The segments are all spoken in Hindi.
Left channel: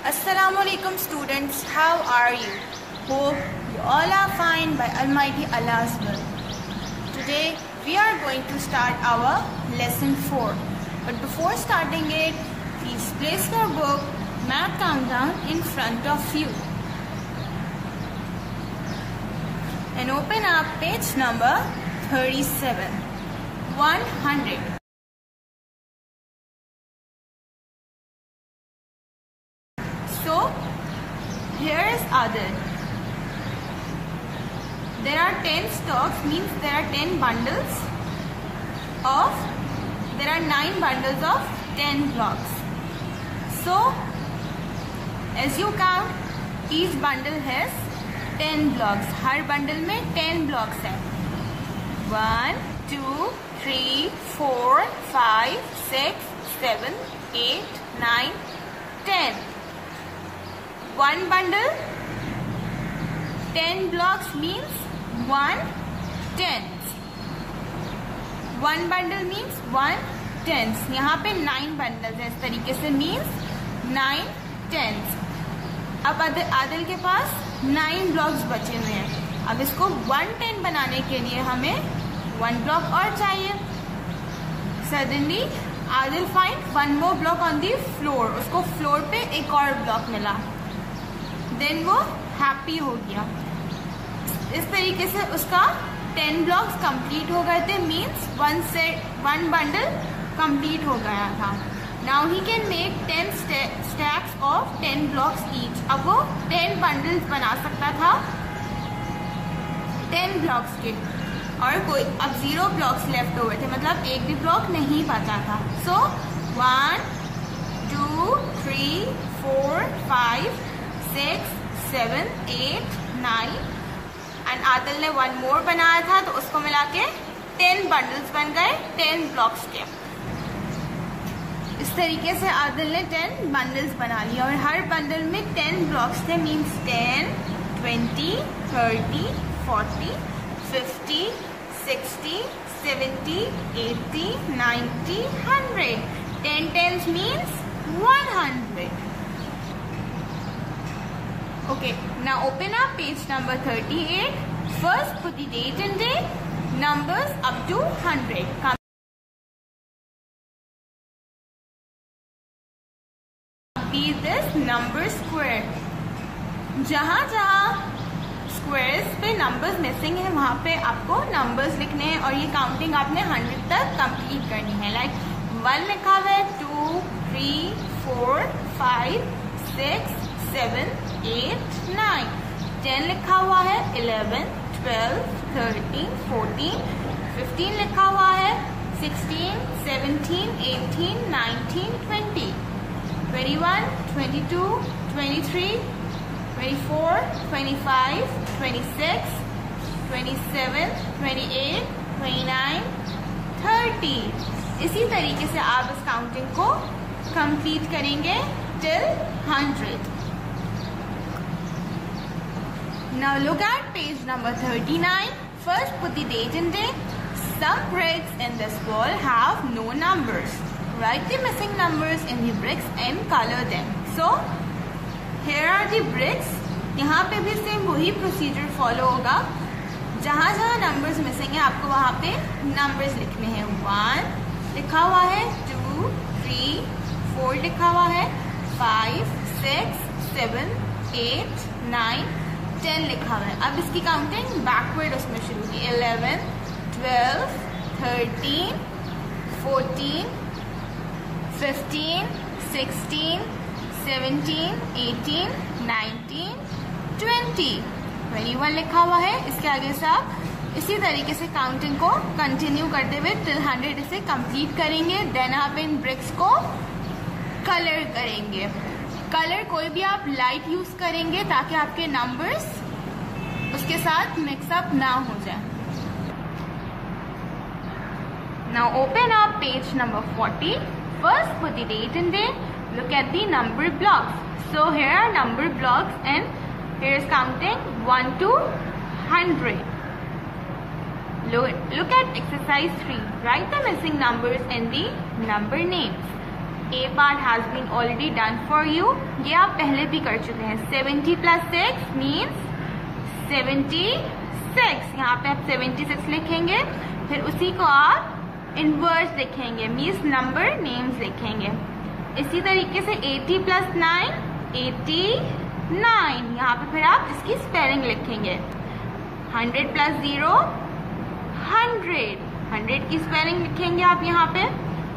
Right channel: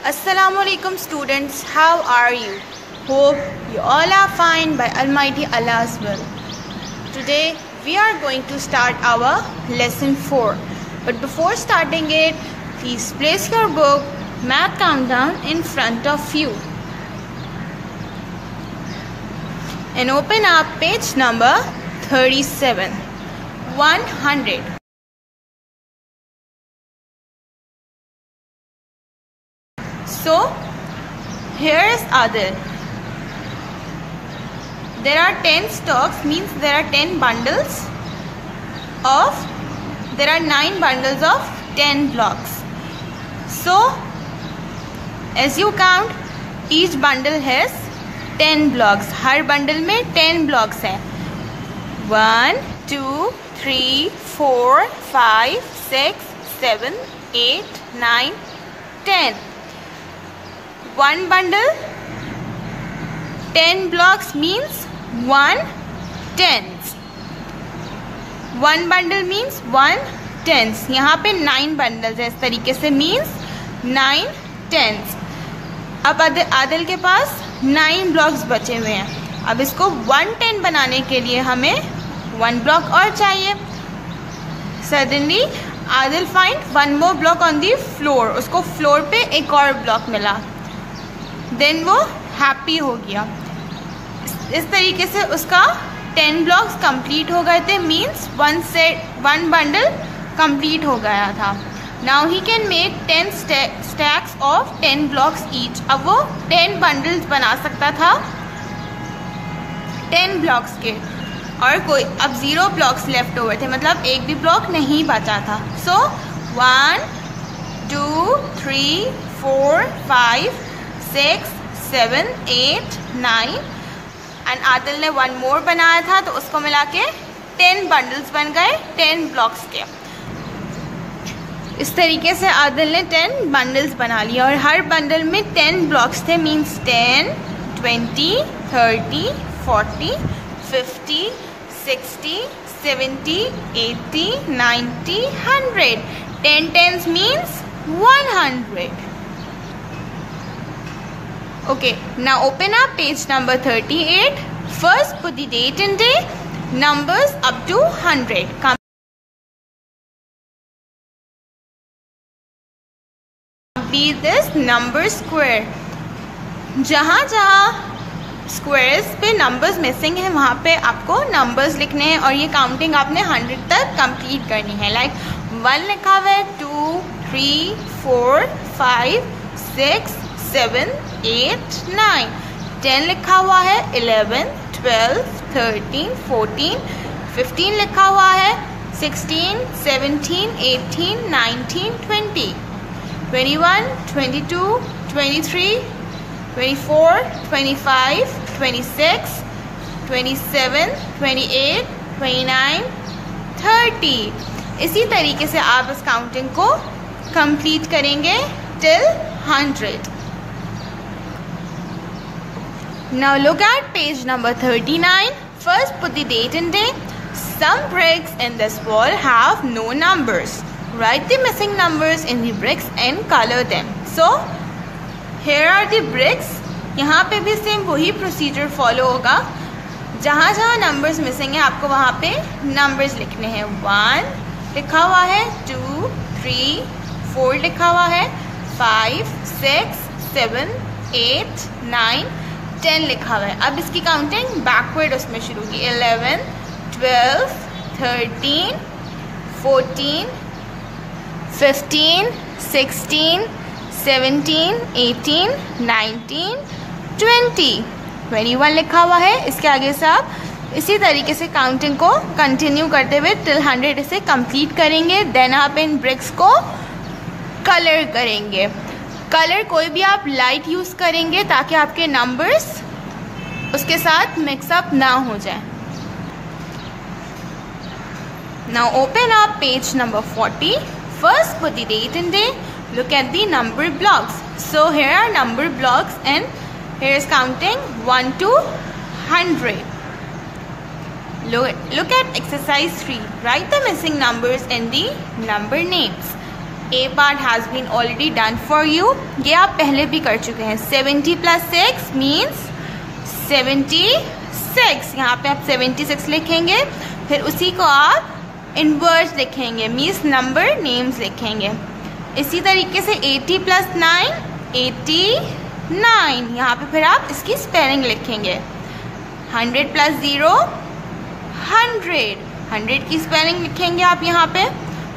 Assalamualaikum students, how are you? Hope you all are fine by Almighty Allah's will. Today we are going to start our lesson 4. But before starting it, please place your book Math Countdown in front of you. And open up page number 37. 100. So, here is Adil. There are 10 stocks, means there are 10 bundles of, there are 9 bundles of 10 blocks. So, as you count, each bundle has 10 blocks. Her bundle में 10 blocks हैं. 1, 2, 3, 4, 5, 6, 7, 8, 9, 10. One bundle, 10 blocks means 1/10. One bundle means 1/10. यहाँ पे 9 bundles है, इस तरीके से means 9/10. अब आदिल के पास 9 blocks बचे हुए हैं. अब इसको 1/10 बनाने के लिए हमें 1 block और चाहिए. Suddenly Adil find one more block on the floor. उसको फ्लोर पे एक और ब्लॉक मिला. देन वो हैप्पी हो गया. इस तरीके से उसका 10 ब्लॉक्स कंप्लीट हो गए थे, मीन्स वन बंडल कंप्लीट हो गया था. Now he can make 10 stacks of 10 blocks each. अब वो 10 बंडल्स बना सकता था 10 ब्लॉक्स के, और कोई अब 0 ब्लॉक्स लेफ्ट ओवर थे, मतलब एक भी ब्लॉक नहीं बचा था. सो 1, 2, 3, 4, 5, 6, 7, 8, 9 एंड आदिल ने 1 मोर बनाया था, तो उसको मिला के 10 बंडल्स बन गए 10 ब्लॉक्स के. इस तरीके से आदिल ने 10 बंडल्स बना लिया, और हर बंडल में 10 ब्लॉक्स थे, means 10, 20, 30, 40, 50, 60, 70, 80, 90, 100. 10 tens means 100. Okay, now open up page number 38. First put the date and day, numbers up to 100. Complete this number square. जहाँ स्क्वायर्स पे नंबर्स मिसिंग है, वहाँ पे आपको नंबर्स लिखने हैं, और ये काउंटिंग आपने 100 तक कंप्लीट करनी है. लाइक 1 लिखा हुआ है, 2, 3, 4, 5, 6, 7, 8, 9. 10 लिखा हुआ है, 11, 12, 13, 14, 15 लिखा हुआ है, 16, 17, 18, 19, 20, 21, 22, 23, 24, 25, 26, 27, 28, 29, 30. इसी तरीके से आप इस काउंटिंग को कंप्लीट करेंगे till 100. Now look at page number 39. First put the date and day. Some bricks in this wall have no numbers. Write the missing numbers in the bricks and color them. So here are the bricks. यहाँ पे भी सेम वही प्रोसीजर फॉलो होगा. जहाँ जहाँ नंबर्स मिसिंग है, आपको वहाँ पे नंबर्स लिखने हैं. 1 लिखा हुआ है, 2, 3, 4 लिखा हुआ है, 5, 6, 7, 8, 9, 10 लिखा हुआ है. अब इसकी काउंटिंग बैकवर्ड उसमें शुरू होगी. 11, 12, 13, 14, 15, 16, 17, 18, 19, 20, 21 लिखा हुआ है. इसके आगे से आप इसी तरीके से काउंटिंग को कंटिन्यू करते हुए टिल 100 इसे कंप्लीट करेंगे. देन आप इन ब्रिक्स को कलर करेंगे. कलर कोई भी आप लाइट यूज़ करेंगे, ताकि आपके नंबर्स उसके साथ मिक्सअप ना हो जाए. Now open up page number 40. First put the date and day. Look at the number blocks. So here are number blocks, and here is counting 1 to 100. Look at exercise 3. Write the missing numbers in the number names. A part has been already done for you, ये आप पहले भी कर चुके हैं। 70 + 6 मीन्स 76, यहाँ पे आप 76 लिखेंगे, फिर उसी को आप इनवर्स लिखेंगे, मीन्स नंबर नेम्स लिखेंगे। इसी तरीके से 80 + 9 89, यहाँ पे फिर आप इसकी स्पेलिंग लिखेंगे। 100 + 0 100 की स्पेलिंग लिखेंगे आप यहाँ पे।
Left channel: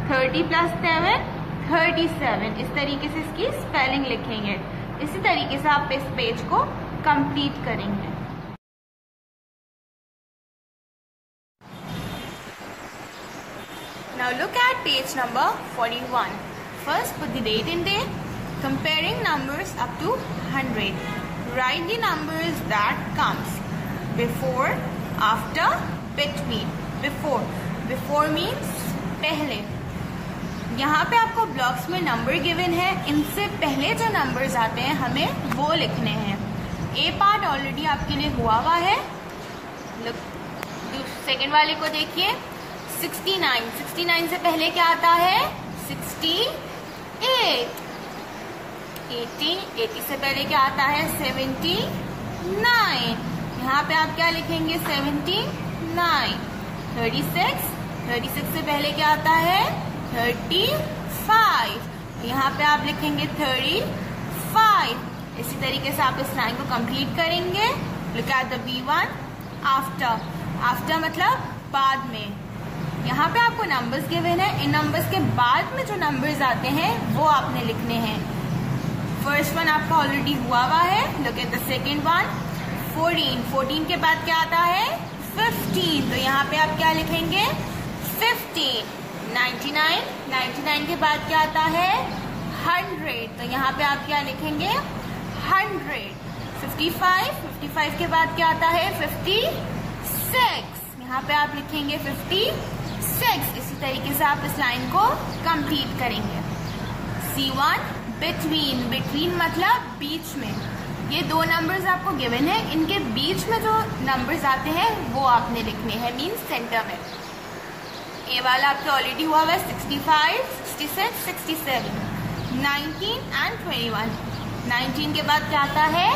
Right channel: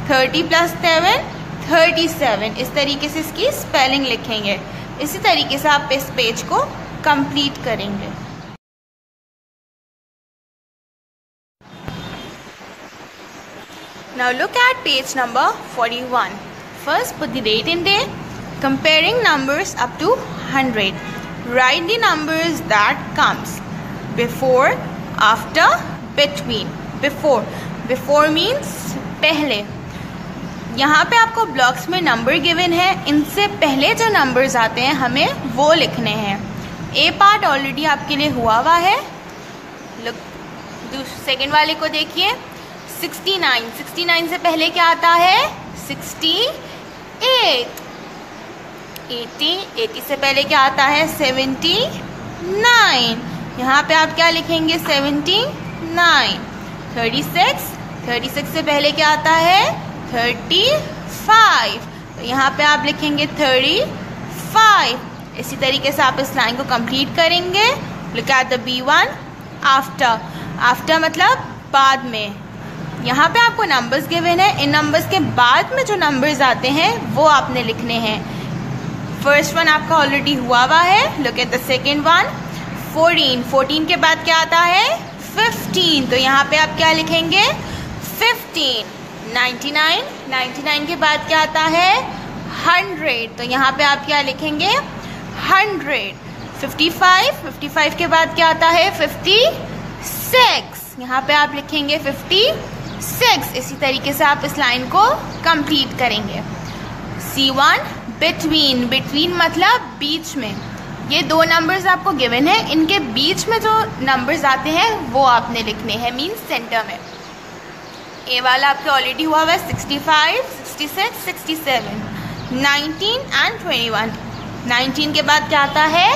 30 + 7 37, इस तरीके से इसकी स्पेलिंग लिखेंगे। इसी तरीके से आप इस पेज को कंप्लीट करेंगे। Now look at page number 41. First put the date and day, comparing numbers up to 100. Write the numbers that comes before, after, between. Before means पहले। यहाँ पे आपको ब्लॉक्स में नंबर गिवन है, इनसे पहले जो नंबर्स आते हैं हमें वो लिखने हैं। ए पार्ट ऑलरेडी आपके लिए हुआ है। सेकेंड वाले को देखिए। 69 से पहले क्या आता है? 68। 80 से पहले क्या आता है? 79। यहाँ पे आप क्या लिखेंगे? 79। 36 से पहले क्या आता है? 35। तो यहाँ पे आप लिखेंगे 35। इसी तरीके से आप इस लाइन को कंप्लीट करेंगे। Look at the B1, after मतलब बाद में। यहाँ पे आपको नंबर्स गिवन है, इन नंबर्स के बाद में जो नंबर्स आते हैं वो आपने लिखने हैं। फर्स्ट वन आपका ऑलरेडी हुआ है। Look at the second one. 14 के बाद क्या आता है? 15। तो यहाँ पे आप क्या लिखेंगे? 15। 99 के बाद क्या आता है? 100। तो यहाँ पे आप क्या लिखेंगे? 100। 55 के बाद क्या आता है? 56। यहाँ पे आप लिखेंगे 56। इसी तरीके से आप इस लाइन को कंप्लीट करेंगे। C1 बिटवीन मतलब बीच में। ये दो नंबर्स आपको गिवन है, इनके बीच में जो नंबर्स आते हैं वो आपने लिखने हैं, मीन्स सेंटर में। ए वाला आपके ऑलरेडी हुआ है। 65, 66, 67, 19 and 21। 19 के बाद क्या आता है?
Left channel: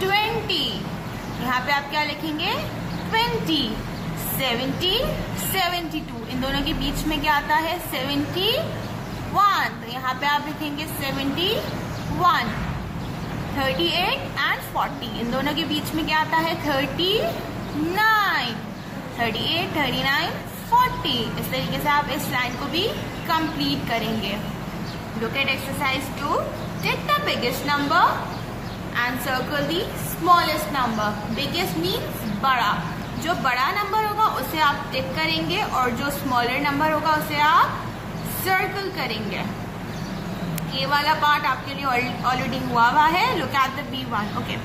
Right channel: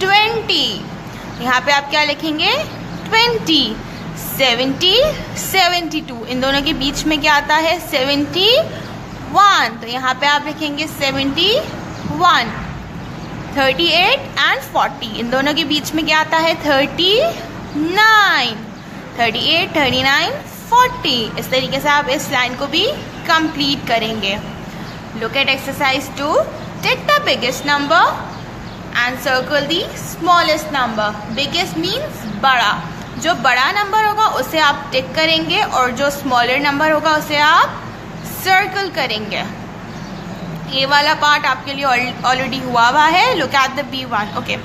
20। यहाँ पे आप क्या लिखेंगे? 20। 70, 72, इन दोनों के बीच में क्या आता है? 71। तो यहाँ पे आप लिखेंगे 71। 38 and 40, इन दोनों के बीच में क्या आता है? 39। 38, 39, 40। इस तरीके से आप इस लाइन को भी कंप्लीट करेंगे। Look at exercise 2। Take the biggest number and circle the smallest number. Biggest means बड़ा। जो बड़ा नंबर होगा उसे आप टिक करेंगे और जो स्मॉलर नंबर होगा उसे आप सर्कल करेंगे। ये वाला पार्ट आपके लिए ऑलरेडी हुआ है। Look at the B1। Okay,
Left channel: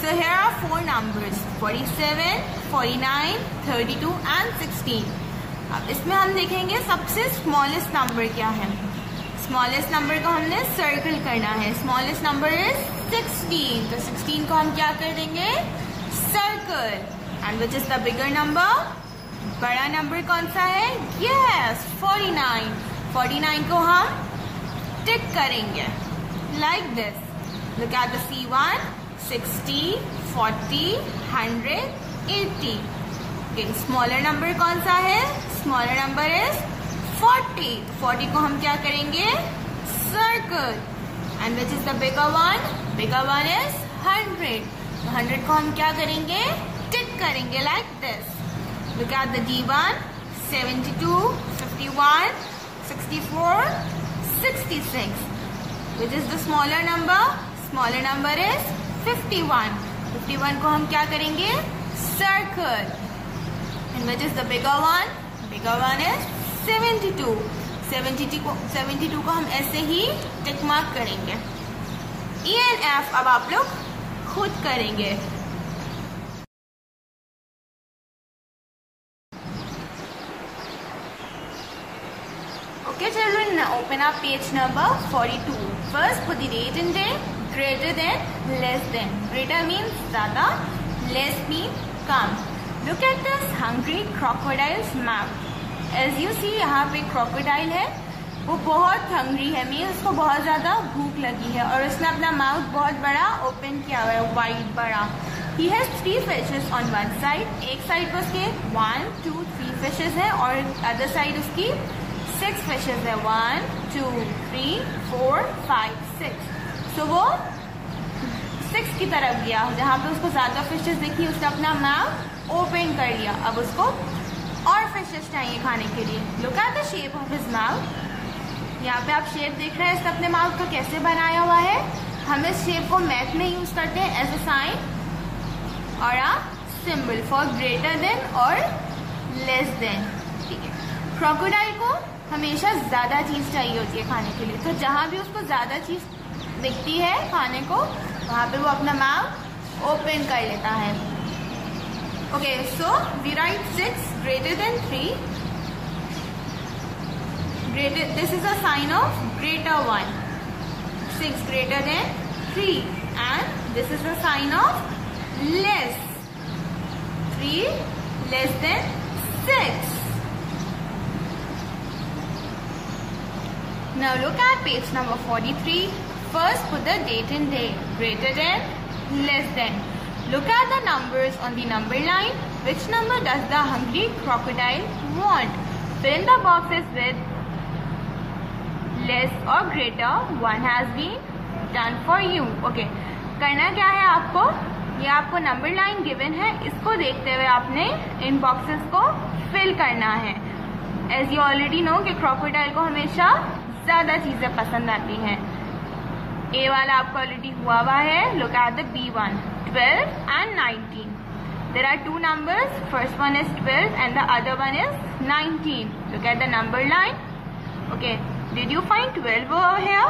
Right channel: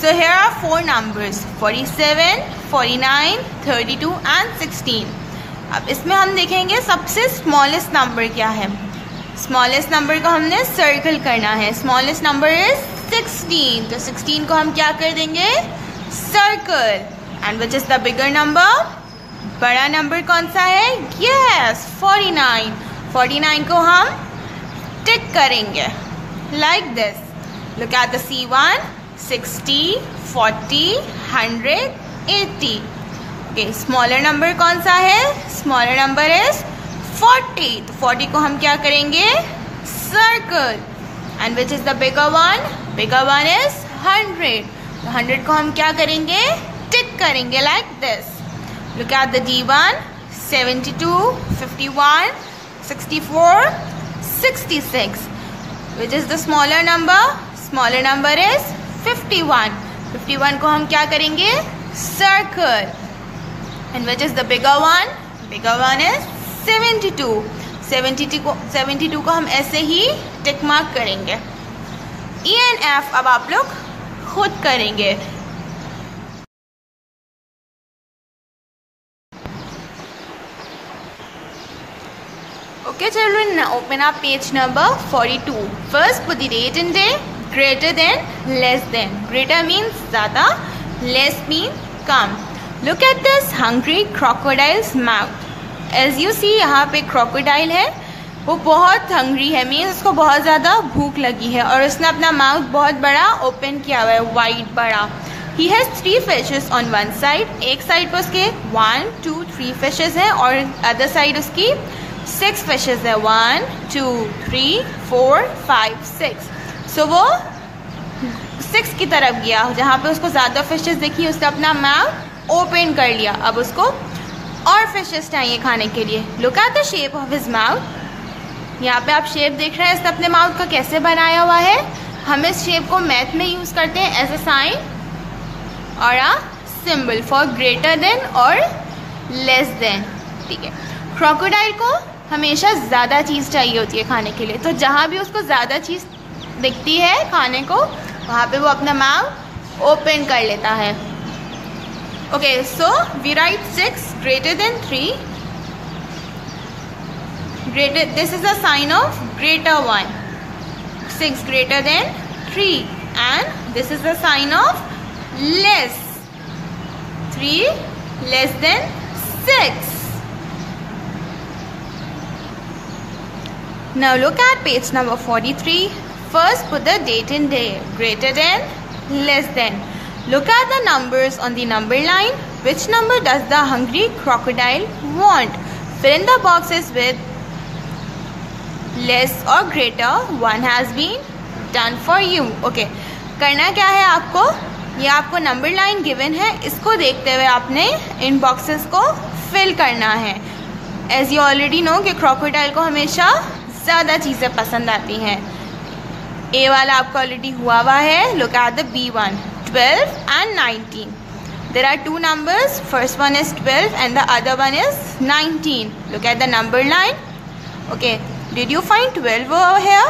so here are 4 numbers, 47, 49, 32 and 16। अब इसमें हम देखेंगे सबसे स्मॉलेस्ट नंबर क्या है। स्मॉलेस्ट नंबर को हमने सर्कल करना है। Smallest number is 16। तो 16 को हम क्या कर देंगे? Circle. And which is the bigger number? बड़ा नंबर कौन सा है? यस, 49। 49 को हम टिक करेंगे like this. Look at the C1, 60, 40, 100, 80। Okay, smaller number कौन सा है? Smaller number is 40। 40 को हम क्या करेंगे? Circle. And which is the bigger one? Bigger one is 100। 100 को हम क्या करेंगे? टिक करेंगे like this. Look at the D1, 72, 51, 64, 66. Which is the smaller number? Smaller number is 51. 51 को हम क्या करेंगे? Circle. And which is the bigger one? Bigger one is 72. 72 को हम ऐसे ही टिक मार्क करेंगे। E and F अब आप लोग खुद करेंगे। Okay children, now open up page number 42. First put the date and day, greater than, less than. Greater means ज़्यादा, less means come. Look at this hungry crocodile's mouth. As you see यहाँ पे crocodile है, वो बहुत हंग्री है, मीन्स उसको बहुत ज़्यादा भूख लगी है और उसने अपना माउथ बहुत बड़ा ओपन किया हुआ है, वाइड बड़ा। He has 3 fishes on one side, एक साइड पर उसके 1, 2, 3 फिशेज हैं और अदर साइड उसकी 6 फिशेज है, 1, 2, 3, 4, 5, 6। सो वो 6 की तरफ गया, जहाँ पे उसको ज़्यादा फिशेज देखी उसने अपना माउथ ओपन कर लिया। अब उसको और फिशेज चाहिए खाने के लिए। Look at the shape of his mouth. यहाँ पे आप शेप देख रहे हैं इसने अपने माउथ का कैसे बनाया हुआ है। हम इस शेप को मैथ में यूज़ करते हैं एज अ साइन और a symbol for greater than और लेस देन। ठीक है, क्रोकोडाइल को हमेशा ज़्यादा चीज़ चाहिए होती है खाने के लिए, तो जहाँ भी उसको ज़्यादा चीज़ दिखती है खाने को वहाँ पे वो अपना माउथ ओपन कर लेता है। Okay, so we write 6 greater than 3। Greater, this is a sign of greater one. 6 greater than 3, and this is a sign of less. 3 less than 6. Now look at page number 43. First put the date and day. Greater than, less than. Look at the numbers on the number line. Which number does the hungry crocodile want? Fill in the boxes with less और greater. 1 has been done for you. Okay, करना क्या है आपको, ये आपको नंबर लाइन गिवन है, इसको देखते हुए आपने इन बॉक्सेस को फिल करना है। एज यू ऑलरेडी नो कि क्रोकोडाइल को हमेशा ज़्यादा चीज़ें पसंद आती हैं। ए वाला आपका ऑलरेडी हुआ है। Look at the B1, 12 and 19. There are 2 numbers. First one is 12 and the other one is 19. Look at the number line. Okay. Did you find 12 over here?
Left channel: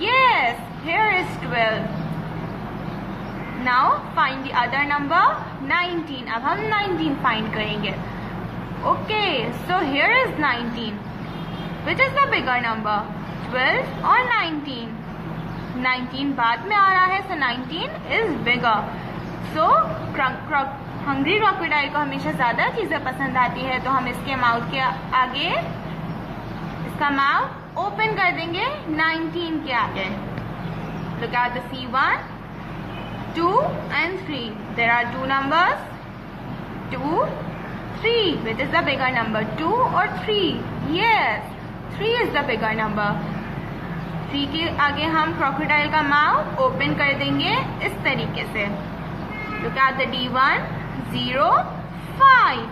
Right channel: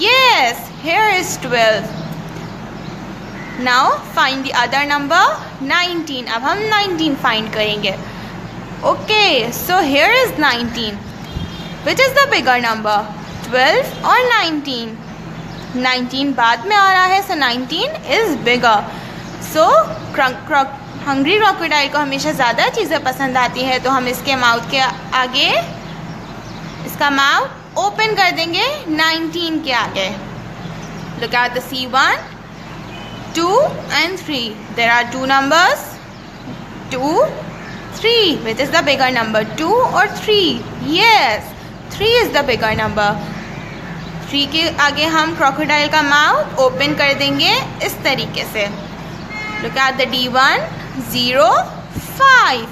Yes, here is 12. Now find the other number, 19. अब हम 19 find करेंगे। Okay, so here is 19. Which is the bigger number, 12 or 19? 19 बाद में आ रहा है, so 19 is bigger. So hungry crocodile को हमेशा ज़्यादा चीज़ें पसंद आती है, तो हम इसके माउथ के आगे इसका माउथ ओपन कर देंगे 19 के आगे। Look at the C1, 2 and 3. There are 2 numbers, 2, 3. Which is the bigger number, 2 or 3? Yes, 3 is the bigger number. 3 के आगे हम crocodile का माउथ ओपन कर देंगे इस तरीके से। Look at the D1, 0, 5.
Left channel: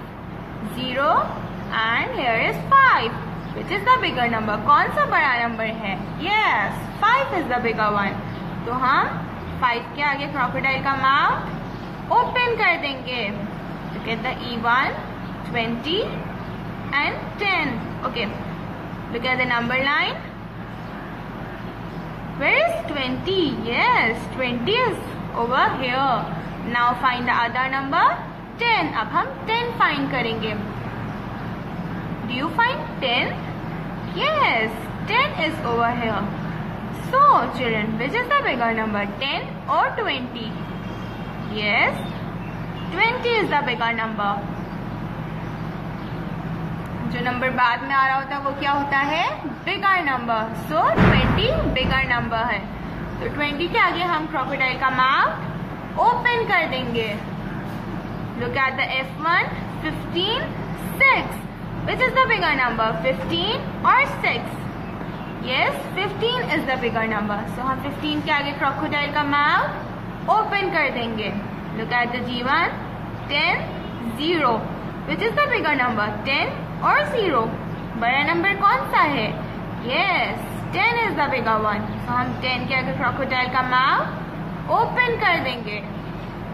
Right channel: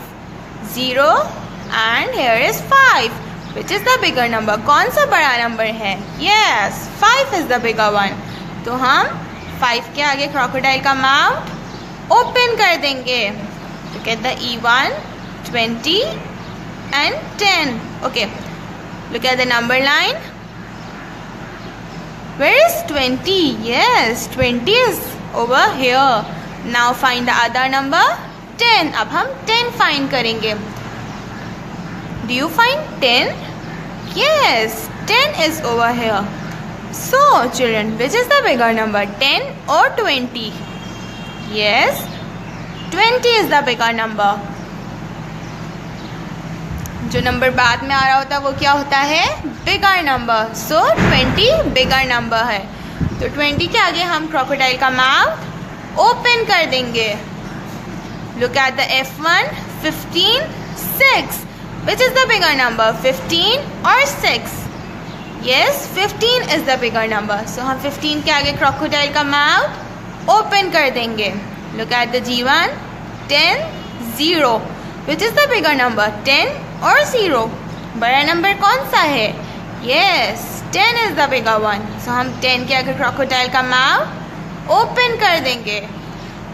0 and here is 5. Which is the bigger number? कौन सा बड़ा नंबर है? Yes, 5 is the bigger one. तो हम 5 के आगे crocodile का माउथ ओपन कर देंगे। Look at the E1, 20 and 10. Okay, look at the number line. Where is 20? Yes, 20 is over here. Now find the other number, 10. अब हम 10 find करेंगे। Do you find 10? Yes, 10 is over here. So children, which is the bigger number, 10 or 20? Yes, 20 is the bigger number. जो नंबर बाद में आ रहा होता है वो क्या होता है, बिगर नंबर। सो 20 बिगर नंबर है, तो 20 के आगे हम क्रोकोडाइल का माउथ ओपन कर देंगे। Look at the F1, 15, 6. Which is the bigger number, 15 or 6? Yes, 15 is the bigger number. So हम 15 के आगे क्रोकोडाइल का माउथ ओपन कर देंगे। Look at the G1, 10, 0. Which is the bigger number, 10 or 0? बड़ा नंबर कौन सा है? Yes, 10 is the bigger one. So हम 10 के आगे क्रोकोडाइल का माउथ ओपन कर देंगे।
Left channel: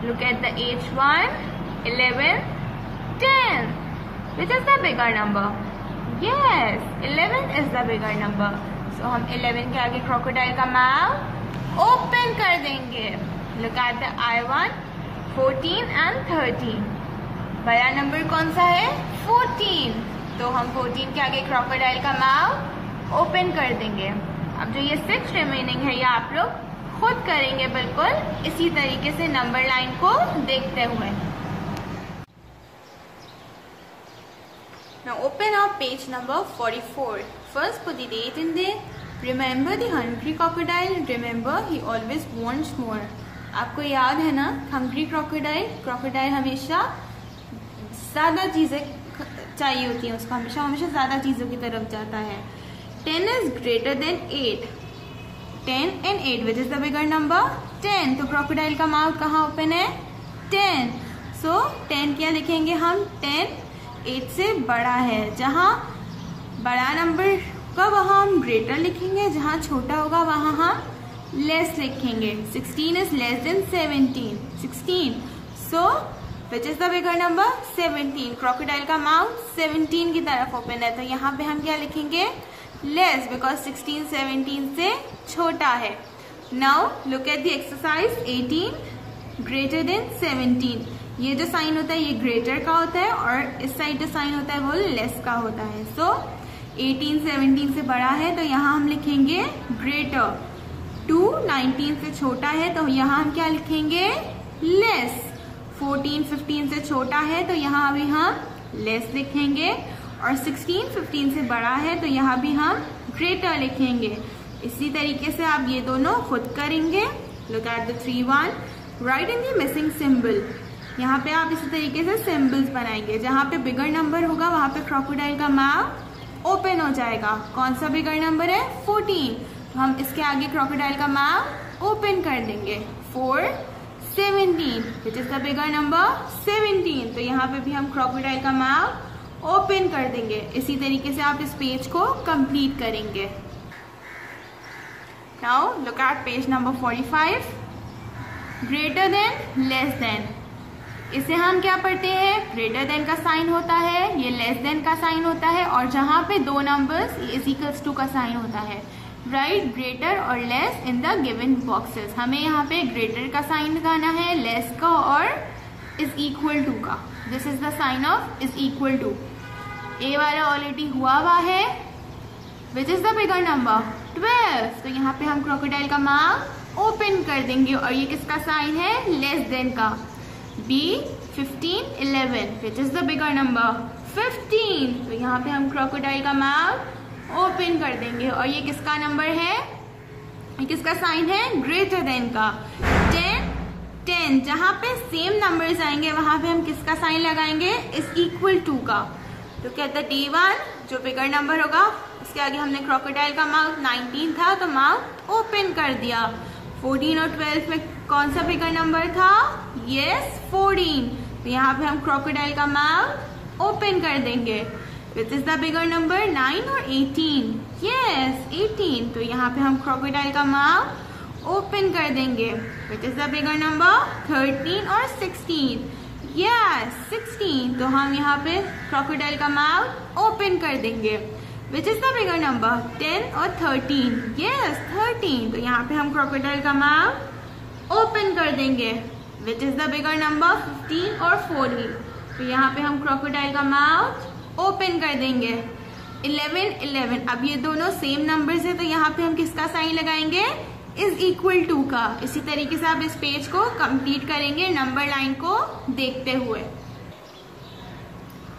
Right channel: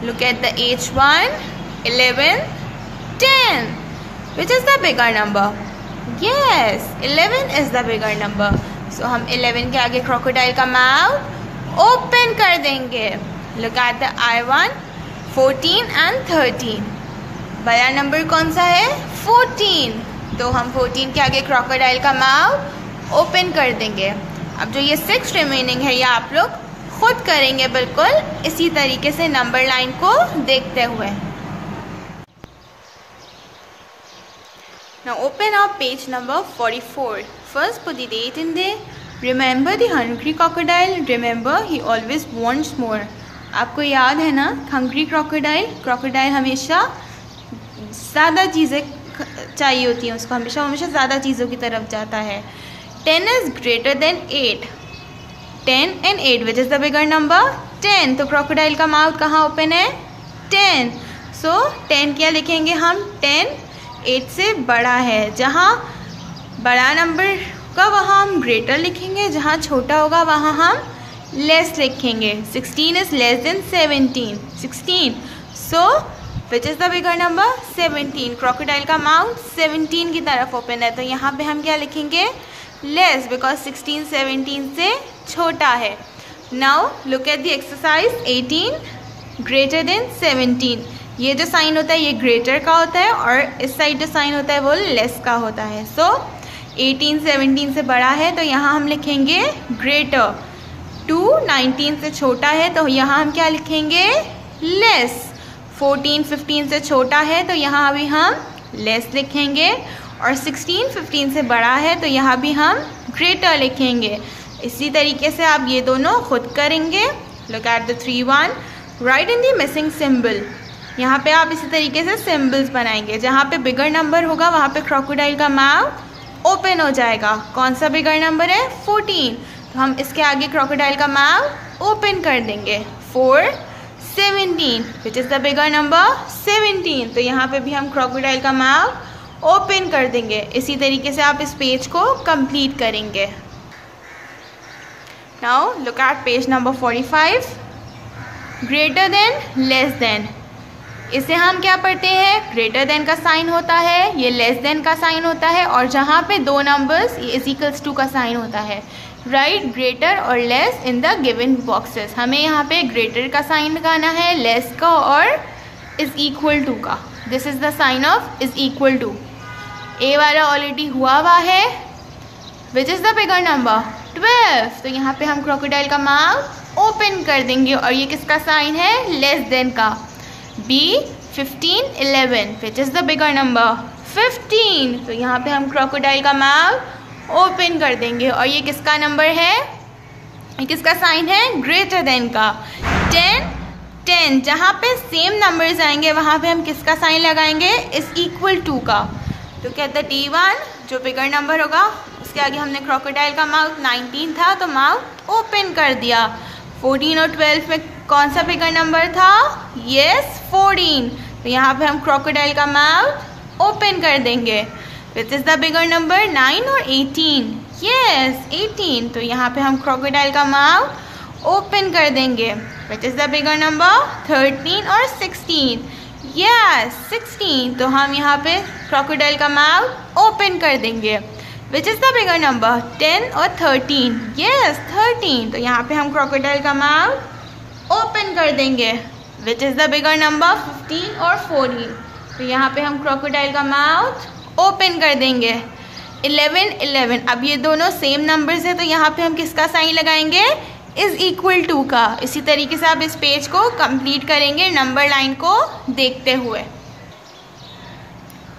Look at the H1, 11, 10. Which is the bigger number? Yes, 11 is the bigger number. So हम 11 के आगे क्रोकोडाइल का माउथ ओपन कर देंगे। Look at the I1, 14 and 13. बड़ा नंबर कौन सा है? 14. तो हम 14 के आगे क्रोकोडाइल का माउथ ओपन कर देंगे। अब जो ये 6 रिमेनिंग है ये आप लोग खुद करेंगे बिल्कुल इसी तरीके से नंबर लाइन को देखते हुए। Now open up page number 44. First put the date in there. Remember the hungry crocodile. Remember he always wants more. आपको याद है ना hungry crocodile? Crocodile हमेशा ज़्यादा चीज़ें चाहिए होती हैं उसको, हमेशा ज़्यादा चीज़ों की तरफ जाता है. 10 is greater than 8. 10 and 8 which is the bigger number? 10. तो crocodile का माउथ कहाँ ओपन है? 10. So 10 क्या लिखेंगे हम? 10 8 से बड़ा है. जहाँ बड़ा नंबर का वहाँ हम ग्रेटर लिखेंगे, जहाँ छोटा होगा वहाँ हम लेस लिखेंगे. 16 is less than 17. 16. So which is the bigger number? 17. crocodile का माउथ 17 की तरफ ओपन है, तो यहाँ पे हम क्या लिखेंगे? लेस, बिकॉज 16 17 से छोटा है. Now look at the exercise. 18 greater than 17. ये जो साइन होता है ये ग्रेटर का होता है और इस साइड जो साइन होता है वो लेस का होता है. सो 18 17 से बड़ा है तो यहाँ हम लिखेंगे ग्रेटर. 2 19 से छोटा है तो यहाँ हम क्या लिखेंगे? लेस. 14 15 से छोटा है तो यहाँ अभी हम लेस लिखेंगे और 16 15 से बड़ा है तो यहाँ भी हम ग्रेटर लिखेंगे. इसी तरीके से आप ये दोनों खुद करेंगे. Look at the 3 1. Right in the missing symbol. यहाँ पे आप इसी तरीके से सिंबल्स बनाएंगे. जहाँ पे बिगर नंबर होगा वहाँ पे क्रोकोडाइल का माउथ ओपन हो जाएगा. कौन सा बिगर नंबर है? 14. तो हम इसके आगे क्रोकोडाइल का माउथ ओपन कर देंगे. 4 17 विच इज़ द बिगर नंबर? 17. तो यहाँ पे भी हम क्रोकोडाइल का माउथ ओपन कर देंगे. इसी तरीके से आप इस पेज को कंप्लीट करेंगे. Now look at page number 45. Greater than less than. इसे हम क्या पढ़ते हैं? ग्रेटर देन का साइन होता है, ये लेस देन का साइन होता है और जहाँ पे दो नंबर्स ये इज इक्वल्स टू का साइन होता है. राइट ग्रेटर और less in the given boxes. हमें यहाँ पे ग्रेटर का साइन लगाना है, लेस का और इज इक्वल टू का. This is the sign of is equal to. ए वाला ऑलरेडी हुआ है. Which is the bigger number? 12. तो यहाँ पे हम क्रोकोडाइल का माउथ ओपन कर देंगे और ये किसका साइन है? लेस देन का. B 15 11 which is the bigger number? 15. तो यहाँ पे हम क्रोकोडाइल का माउथ ओपन कर देंगे और ये किसका नंबर है? ये किसका साइन है? ग्रेटर देन का. 10 जहाँ पे सेम नंबर्स आएंगे वहाँ पे हम किसका साइन लगाएंगे? इज इक्वल टू का. तो कहता है T1 जो बिगर नंबर होगा उसके आगे हमने क्रोकोडाइल का माउथ 19 था तो माउथ ओपन कर दिया. 14 और 12 में कौन सा बिगर नंबर था? यस 14. तो यहाँ पे हम क्रोकोडाइल का माउथ ओपन कर देंगे. विच इज़ द बिगर नंबर? 9 और 18? यस 18. तो यहाँ पे हम क्रोकोडाइल का माउथ ओपन कर देंगे. विच इज़ द बिगर नंबर? 13 और 16? यस 16. तो हम यहाँ पे क्रोकोडाइल का माउथ ओपन कर देंगे. विच इज़ द बिगर नंबर? 10 और 13? यस 13. तो यहाँ पे हम क्रोकोडाइल का माउथ ओपन कर देंगे. विच इज़ द बिगर नंबर? 15 और 14? तो यहाँ पे हम क्रोकोडाइल का माउथ ओपन कर देंगे. 11 11. अब ये दोनों सेम नंबर्स हैं तो यहाँ पे हम किसका साइन लगाएंगे? इज इक्वल टू का. इसी तरीके से आप इस पेज को कंप्लीट करेंगे नंबर लाइन को देखते हुए.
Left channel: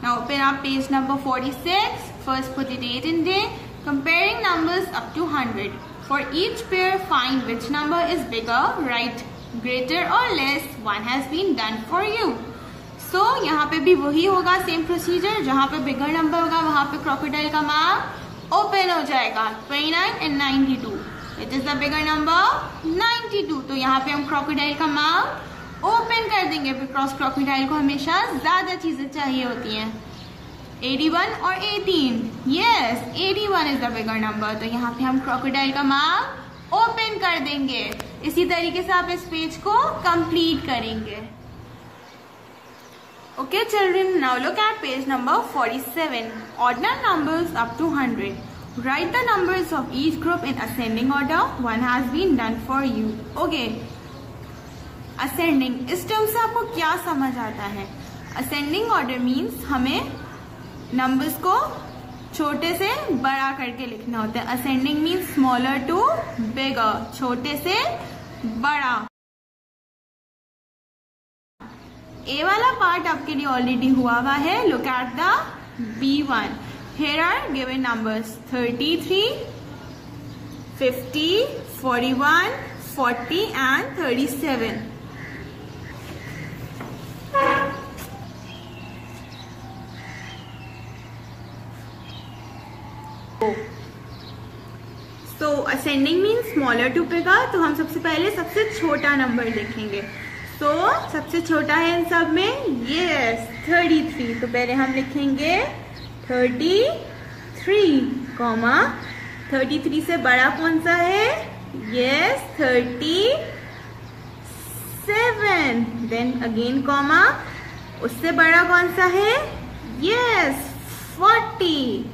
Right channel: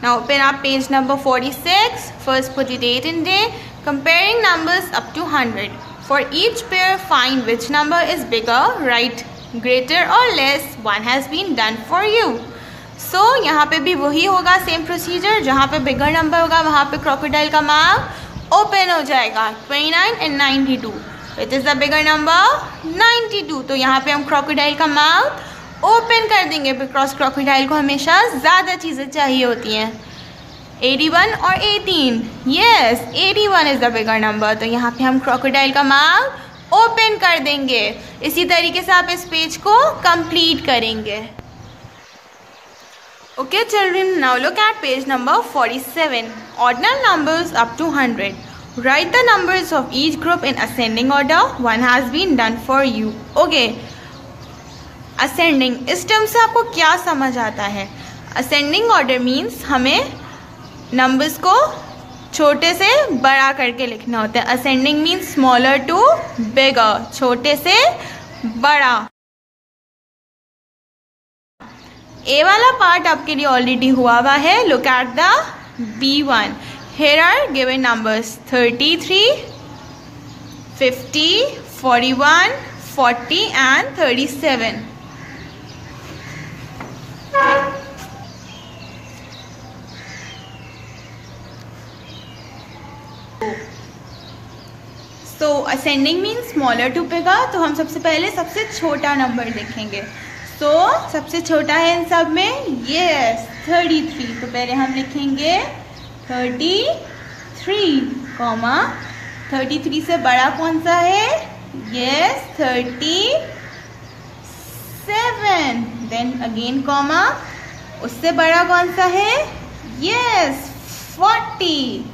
Now open up page number 46. First put the date and day. Comparing numbers up to 100. For each pair find which number is bigger. Write greater or less. One has been done for you. So यहाँ पे भी वही होगा सेम प्रोसीजर. जहाँ पे बिगर नंबर होगा वहाँ पे क्रोकोडाइल का माउथ ओपन हो जाएगा. 29 and 92. Which is the bigger number? 92. तो यहाँ पे हम क्रोकोडाइल का माउथ ओपन कर देंगे बिकॉज क्रोकोडाइल को हमेशा ज़्यादा चीज़ें चाहिए होती हैं. 81 और 18? Yes 81 is the bigger number. तो यहाँ पे हम क्रोकोडाइल का माउथ ओपन कर देंगे. इसी तरीके से आप इस पेज को कंप्लीट करेंगे. Okay children, now look at page number 47. Ordinal numbers up to 100. Write the numbers of each group in ascending order. One has been done for you. Okay. Ascending, इस टर्म से आपको क्या समझ आता है? Ascending order means हमें नंबर्स को छोटे से बड़ा करके लिखना होता है. Ascending means smaller to bigger, छोटे से बड़ा. ए वाला पार्ट आपके लिए ऑलरेडी हुआ है. Look at the B1. Here are given numbers 33, 50, 41, 40 and 37. So ascending means smaller to bigger. तो हम सबसे पहले सबसे छोटा नंबर देखेंगे. So सबसे छोटा है इन सब में, yes 33. तो पहले हम लिखेंगे 33, कॉमा 33 से बड़ा कौन सा है? Yes 37. Then again कॉमा, उससे बड़ा कौन सा है? Yes 40.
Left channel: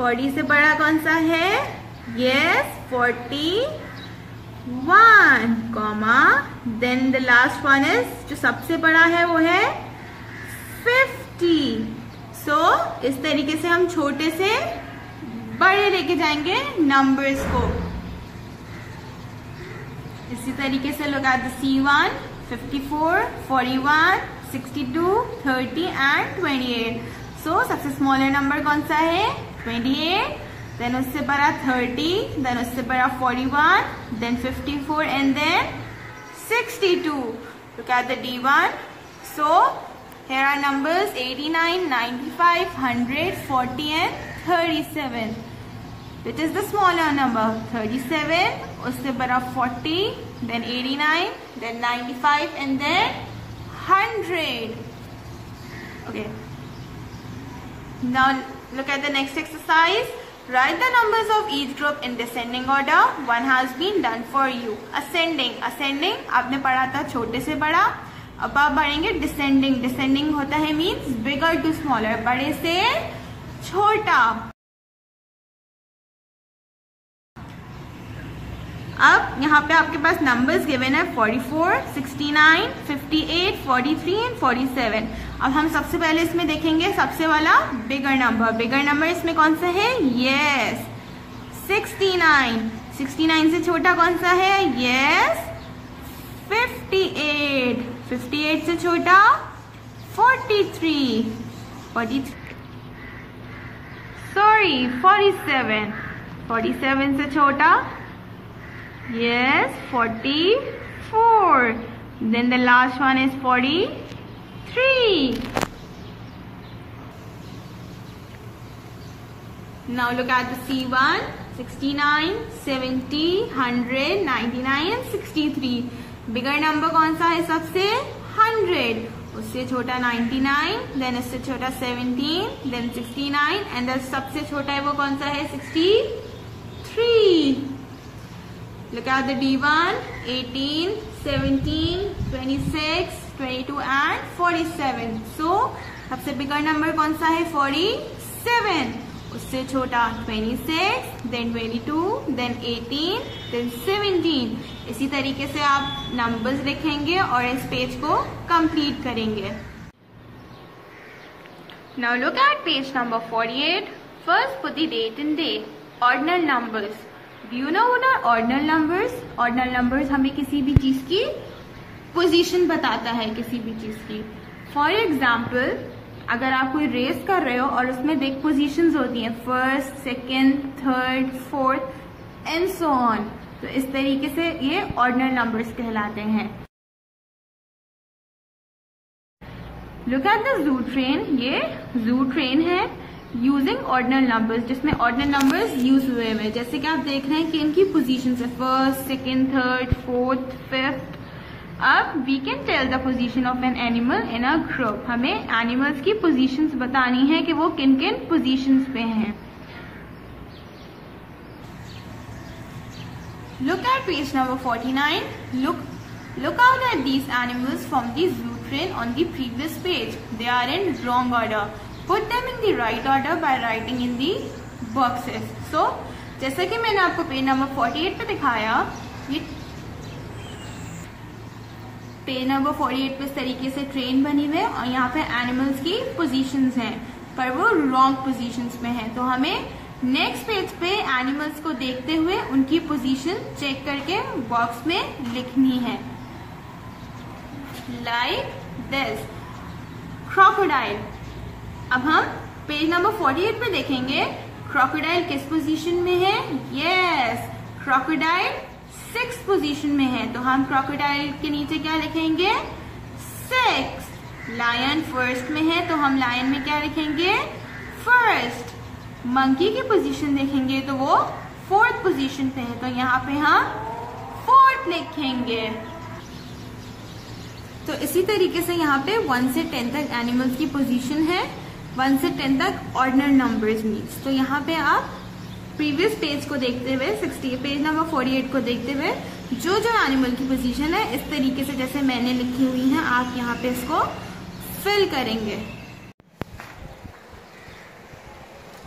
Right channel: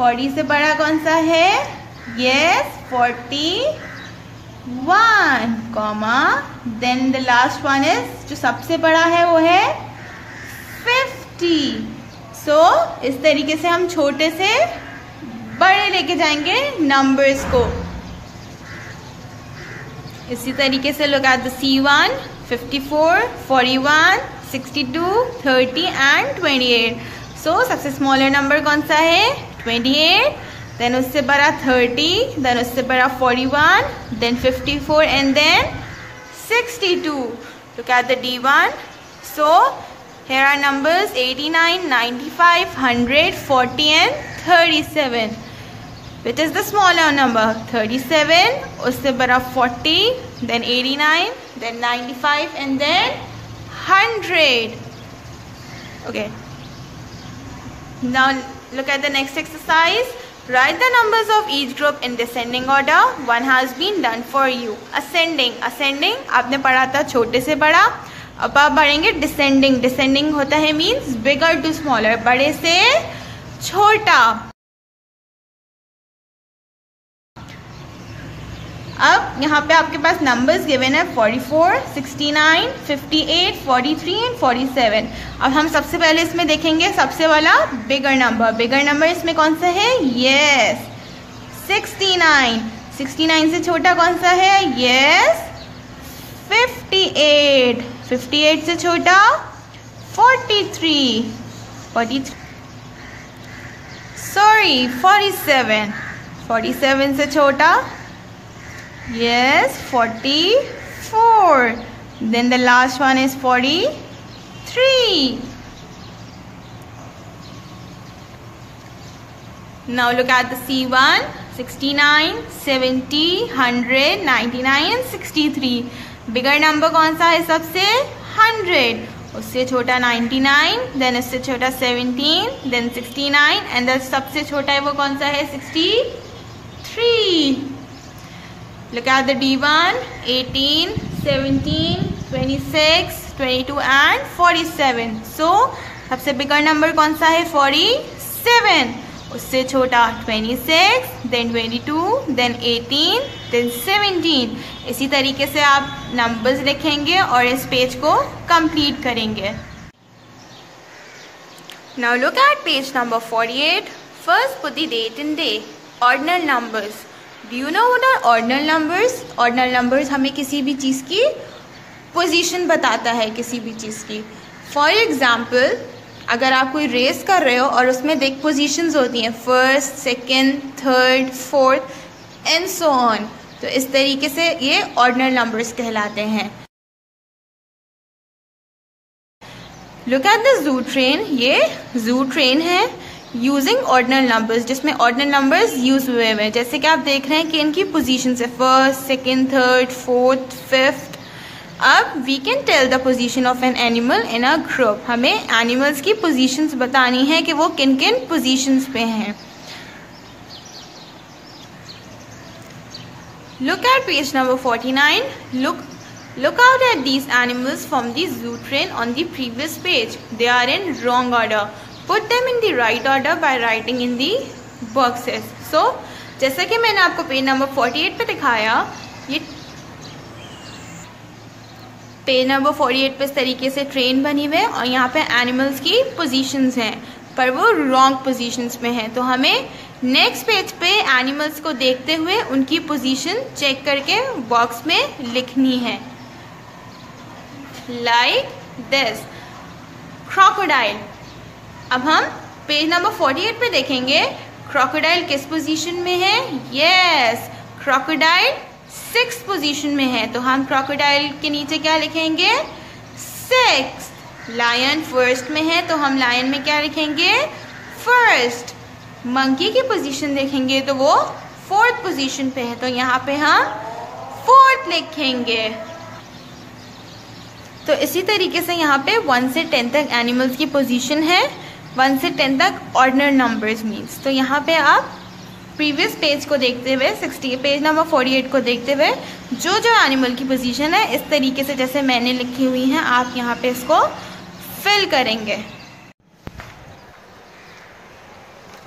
40 से बड़ा कौन सा है? Yes 41, comma then the last one is, जो सबसे बड़ा है वो है 50. सो इस तरीके से हम छोटे से बड़े लेके जाएंगे नंबर्स को. इसी तरीके से look at the C1, 54, 41, 62, 30 and 28. सो सबसे स्मॉलर नंबर कौन सा है? 28. देन उससे बड़ा 30, देन उससे बड़ा 41, then 54 and then 62. Look at the D1. So here are numbers 89, 95, 100, 40 and 37. Which is the smaller number? 37, उससे बड़ा 40, then 89, then 95 and then 100. Okay. Now look at the next exercise. Write the numbers of each group in descending order. One has been done for you. Ascending, ascending आपने पढ़ा था छोटे से बड़ा. अब आप बढ़ेंगे डिसेंडिंग. डिसेंडिंग होता है मीन्स बिगर टू स्मॉलर, बड़े से छोटा. अब यहाँ पे आपके पास नंबर्स गिवन है 44, 69, 58, 43 एंड 47. अब हम सबसे पहले इसमें देखेंगे सबसे वाला बिगर नंबर. बिगर नंबर इसमें कौन सा है? यस 69. 69 से छोटा कौन सा है? यस 58. 58 से छोटा 43. 47. 47 से छोटा yes 44. Then the last one is 43. Now look at the C1, 69, 70, 100, 99 and 63. Bigger number कौन सा है सबसे? 100. उससे छोटा 99, then उससे छोटा 17, then 69 and then सबसे छोटा है वो कौन सा है? 63. Look at the D1, 18, 17, 26, 22 and 47. So सबसे बिगर नंबर कौन सा है? 47. उससे छोटा 26, then 22, then 18, then 17. इसी तरीके से आप नंबर्स लिखेंगे और इस पेज को कंप्लीट करेंगे. Now look at page number 48. First put the date and day. Ordinal numbers. Do you know what are ordinal numbers? Ordinal numbers हमें किसी भी चीज़ की पोजीशन बताता है, किसी भी चीज़ की. फॉर एग्जाम्पल अगर आप कोई रेस कर रहे हो और उसमें देख पोजीशंस होती हैं, first, second, third, fourth and so on. तो इस तरीके से ये ऑर्डिनल नंबर्स कहलाते हैं. Look at the zoo train. ये जू ट्रेन है यूजिंग ऑर्डिनल नंबर्स, जिसमें ऑर्डिनल नंबर्स यूज हुए हैं. जैसे कि आप देख रहे हैं कि इनकी पोजीशंस है first, second, third, fourth, fifth. अब we can tell the position of an animal in a group. हमें एनिमल्स की पोजीशंस बतानी है कि वो किन किन पोजीशंस पे हैं. Look at page number 49. Look out at these animals from the zoo train on the previous page. They are in wrong order. Put them in the right order by writing in the boxes. So, जैसा कि मैंने आपको पेज नंबर 48 पे दिखाया, ये पेज नंबर 48 पे इस तरीके से ट्रेन बनी हुई है और यहाँ पे एनिमल्स की पोजीशंस हैं, पर वो रॉन्ग पोजीशंस में हैं. तो हमें नेक्स्ट पेज पे एनिमल्स को देखते हुए उनकी पोजीशन चेक करके बॉक्स में लिखनी है. Like this. crocodile. अब हम पेज नंबर 48 पे देखेंगे क्रोकोडाइल किस पोजीशन में है। यस, क्रोकोडाइल 6th पोजीशन में है, तो हम क्रोकोडाइल के नीचे क्या लिखेंगे? 6। लायन 1st में है, तो हम लायन में क्या लिखेंगे? 1st। मंकी की पोजीशन देखेंगे तो वो 4th पोजीशन पे है, तो यहाँ पे हम 4th लिखेंगे। तो इसी तरीके से यहाँ पे 1 से 10 तक एनिमल्स की पोजीशन है, 1 से 10 तक ऑर्डिनल नंबर्स मीन्स। तो यहाँ पे आप प्रीवियस पेज को देखते हुए, पेज नंबर 48 को देखते हुए जो जो एनिमल की पोजीशन है इस तरीके से जैसे मैंने लिखी हुई है आप यहाँ पे इसको फिल करेंगे।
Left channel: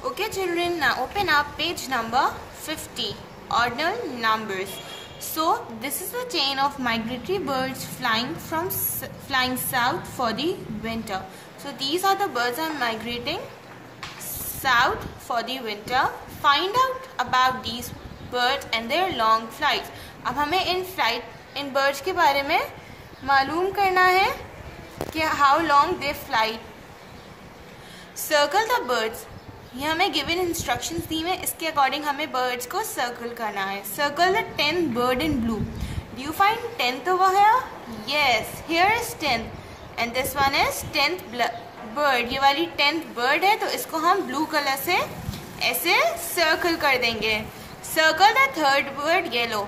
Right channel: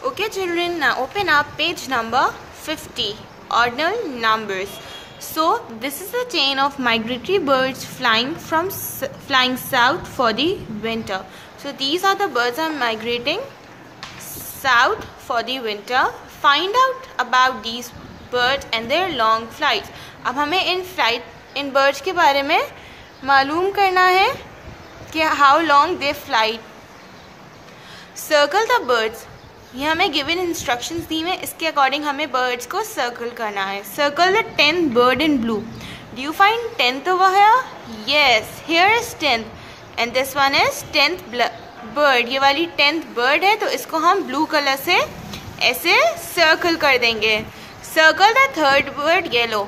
Okay children, now open up page number 50, ordinal numbers. So this is a chain of migratory birds flying south for the winter. So these are the birds are migrating south for the winter. Find out about these birds and their long flights. अब हमें इन birds के बारे में मालूम करना है कि how long they fly. Circle the birds. ये हमें गिवन इंस्ट्रक्शंस दी है, इसके अकॉर्डिंग हमें बर्ड्स को सर्कल करना है। Circle the 10th bird in blue. Do you find 10th over here? Yes, here is 10th and this one is 10th bird. ये वाली 10th बर्ड है, तो इसको हम ब्लू कलर से ऐसे सर्कल कर देंगे। Circle the 3rd bird yellow.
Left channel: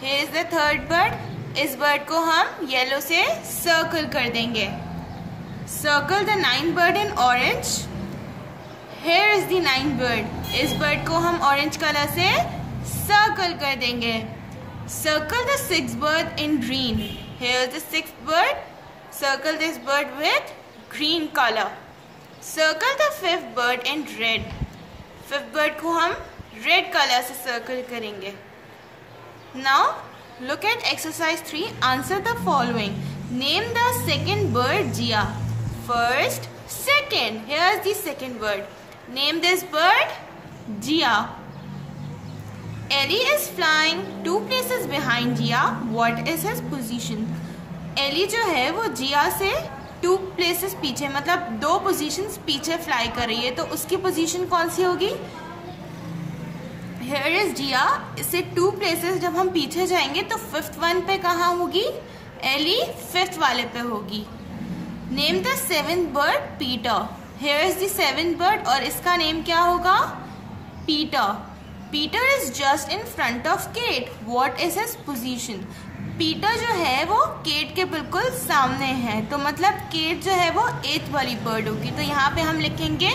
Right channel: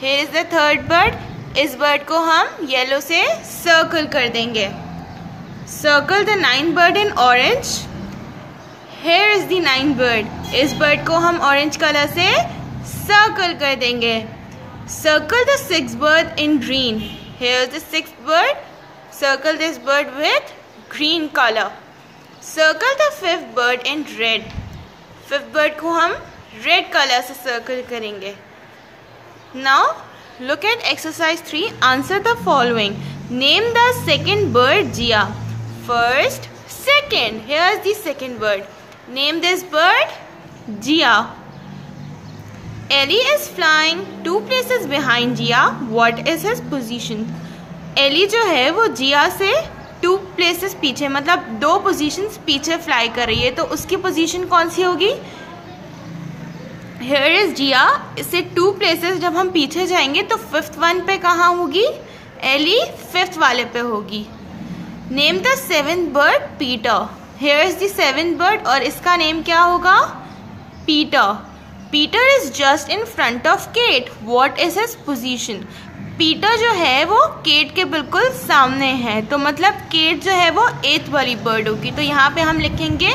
Here is the 3rd bird. इस बर्ड को हम येलो से सर्कल कर देंगे। Circle the 9th bird in orange. Here is the 9th bird. इस बर्ड को हम ऑरेंज कलर से सर्कल कर देंगे। Circle the 6th bird in green. Here is the 6th bird. Circle this bird with green color. Circle the 5th bird in red. 5th bird को हम रेड कलर से सर्कल करेंगे। Now look at exercise 3. Answer the following. Name the 2nd bird Jia. First, second. Here is the 2nd bird. Name this bird Jia. Ellie is flying 2 places behind Jia. What is his position? Ellie जो है वो जिया से 2 places पीछे, मतलब 2 positions पीछे फ्लाई कर रही है, तो उसकी पोजीशन कौन सी होगी? Here is Jia. इससे 2 places जब हम पीछे जाएंगे तो 5th one पे कहाँ होगी? Ellie 5th वाले पे होगी। Name the 7th bird Peter. Here is the 7th bird और इसका नेम क्या होगा? Peter. Peter is just in front of Kate. What is his position? Peter जो है वो Kate के बिल्कुल सामने है, तो मतलब Kate जो है वो 8th वाली bird होगी, तो यहाँ पे हम लिखेंगे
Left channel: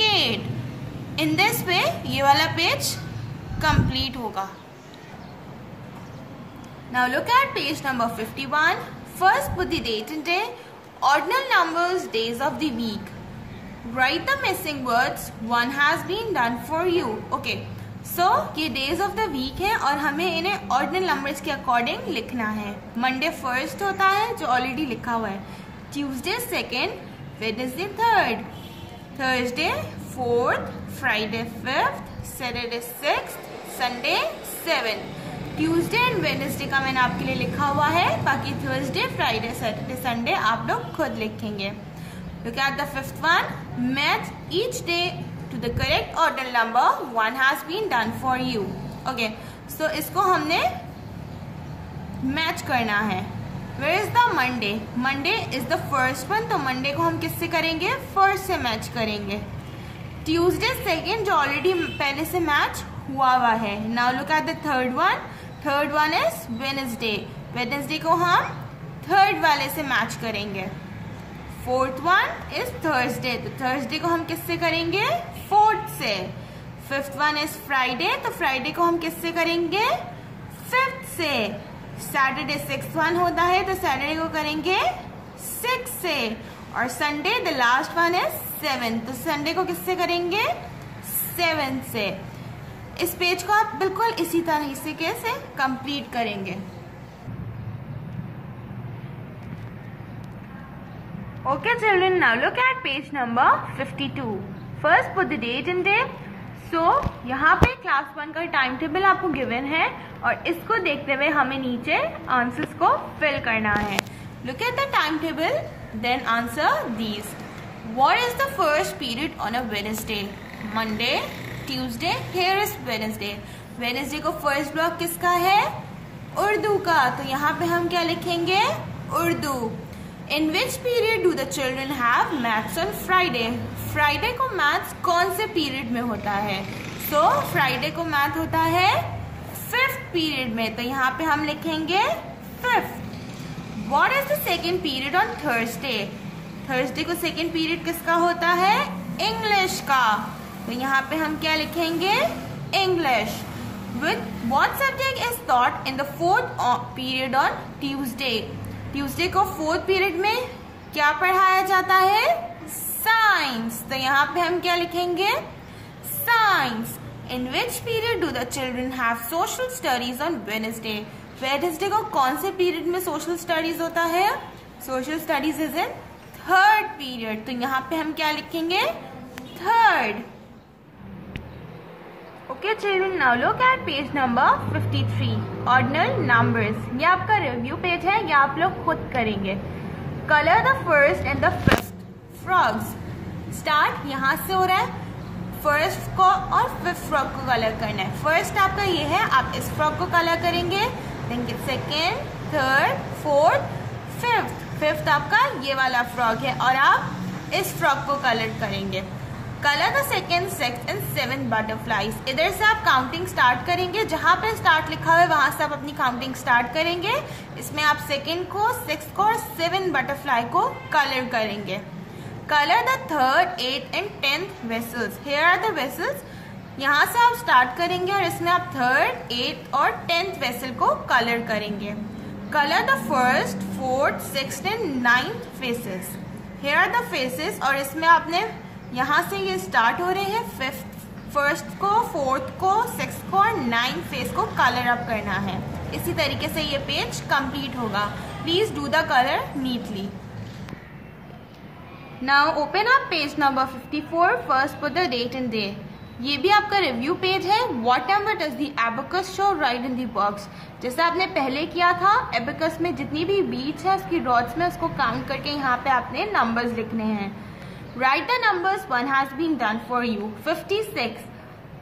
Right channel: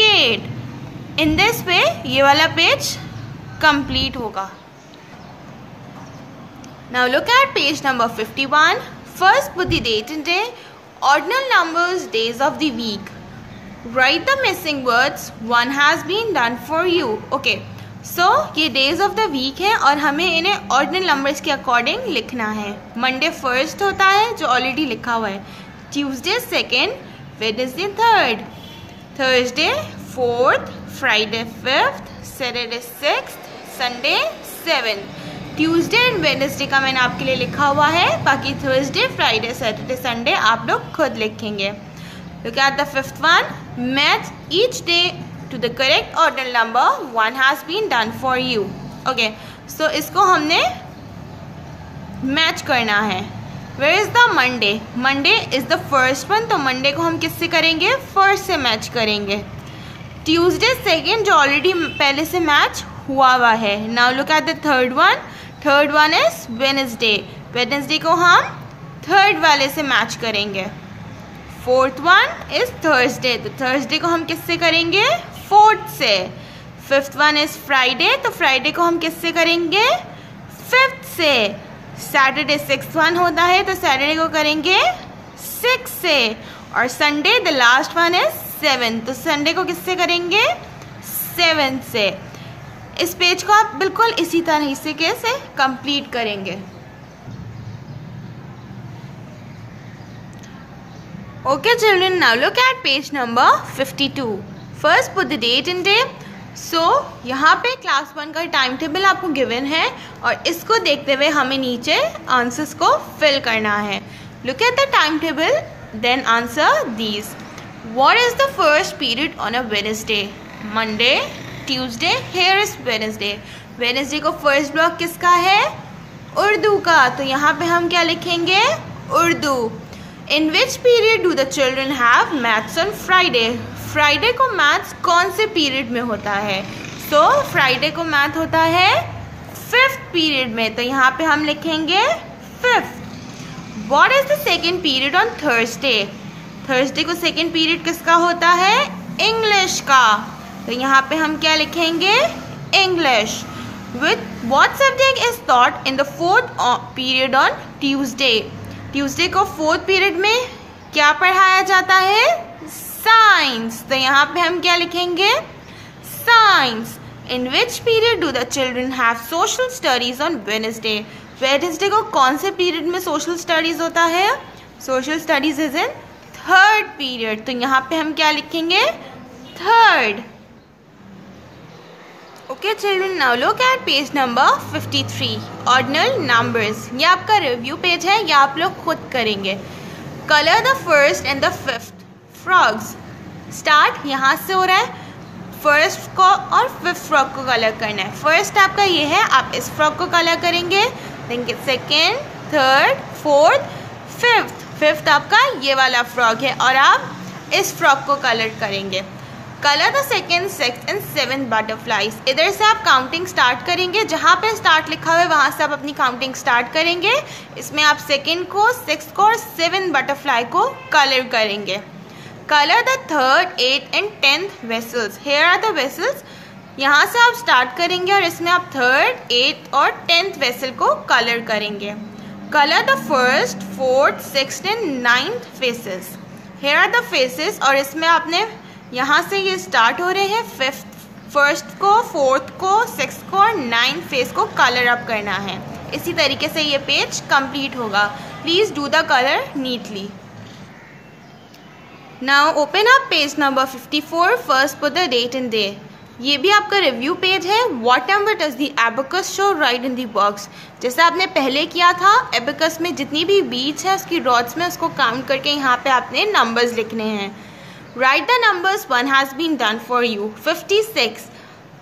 Kate. In this way ये वाला पेज complete होगा। Now look at page number 51. First put the date and day. Ordinal numbers, days of the week. Write the missing words. One has been done for you. Okay. So ये days of the week है और हमें इन्हें ordinal numbers के according लिखना है। Monday 1st होता है जो already लिखा हुआ है। Tuesday 2nd, Wednesday 3rd, Thursday 4th, Friday 5th, Saturday 6th, Sunday 7th. Tuesday and Wednesday का मैंने आपके लिए लिखा हुआ है, बाकी थर्सडे, फ्राइडे, सैटरडे, संडे आप लोग खुद लिखेंगे। Look at the 5th one. Match each day to the correct ordinal number. One has been done for you. Okay. So इसको हमने मैच करना है। Where is the Monday? Monday is the first one, तो मंडे को हम किससे करेंगे? फर्स्ट से मैच करेंगे। ट्यूसडे 2nd जो ऑलरेडी पहले से मैच हुआ है। Now look at the 3rd one. Third one is Wednesday. Wednesday को हम 3rd वाले से मैच करेंगे। 4th वन इज थर्सडे, तो थर्सडे को हम किससे करेंगे? 4th से। 5th वन इज फ्राइडे, तो फ्राइडे को हम किससे करेंगे? 5th से। सैटरडे 6th वन होता है, तो सैटरडे को करेंगे 6 से। और Sunday the last one is 7th, तो संडे को किससे करेंगे? 7th से। इस पेज को आप बिल्कुल इसी तरह से कैसे कंप्लीट करेंगे। Okay children, now look at page number 52. First put the date and day. So यहाँ पे क्लास 1 का टाइम टेबल आपको गिवन है और इसको देखते हुए हमें नीचे आंसर्स को फिल करना है। Look at the time table then answer these. What is the first period on a Wednesday? Monday, Tuesday. Here is Wednesday. Wednesday को फर्स्ट ब्लॉक किसका है? उर्दू का. तो यहाँ पे हम क्या लिखेंगे? Urdu. In which period do the children have maths on Friday? Friday को मैथ्स कौन से पीरियड में होता है? So Friday को मैथ होता है 5th पीरियड में. तो यहाँ पे हम लिखेंगे 5th. What is the second period on Thursday? Thursday को सेकेंड पीरियड किसका होता है? इंग्लिश का. तो यहाँ पे हम क्या लिखेंगे? English. With what subject is taught in the 4th period on Tuesday? Tuesday को 4th पीरियड में क्या पढ़ाया जाता है? साइंस. तो यहाँ पे हम क्या लिखेंगे? Science. In which period do the children have social studies on Wednesday? Wednesday को कौन से पीरियड में social studies होता है? Social studies is in 3rd period. तो यहाँ पे हम क्या लिखेंगे? 3rd. Okay children, now look at page number 53. Ordinal numbers. ये आपका review page है, ये आप लोग खुद करेंगे. Color the first and the 5th frogs. Start यहाँ से हो रहा है. फर्स्ट को और 5th फ्रॉग को कलर करना है. फर्स्ट आपका ये है, आप इस फ्रॉग को कलर करेंगे. Then second, third, fourth, fifth आपका ये वाला फ्रॉग है और आप इस फ्रॉग को कलर करेंगे. Colour the second, sixth and 7th butterflies. इधर से आप काउंटिंग स्टार्ट करेंगे. जहाँ पे स्टार्ट लिखा हुआ है वहाँ से आप अपनी काउंटिंग स्टार्ट करेंगे. इसमें आप सेकेंड को, 6th को और 7th बटरफ्लाई को कलर करेंगे. Color the 3rd, 8th and 10th vessels. Here are the vessels. यहाँ से आप स्टार्ट करेंगे और इसमें आप 3rd, 8th और 10th vessel को कलर करेंगे. Color the 1st, 4th, 6th and 9th faces. Here are the faces और इसमें आपने यहाँ से ये स्टार्ट हो रहे हैं. 1st को, 4th को, 6th को और 9th फेस को कलर अप करना है. इसी तरीके से ये पेज कंप्लीट होगा. Please do the colour neatly. Now open up page number 54. First put the date and day. ये भी आपका रिव्यू पेज है. What number does the abacus show? Write in the box. जैसा आपने पहले किया था, abacus में जितनी भी बीच है उसकी डॉट्स में उसको काउंट करके यहाँ पे आपने नंबर्स लिखने हैं. Write the numbers. One has been done for you. 56.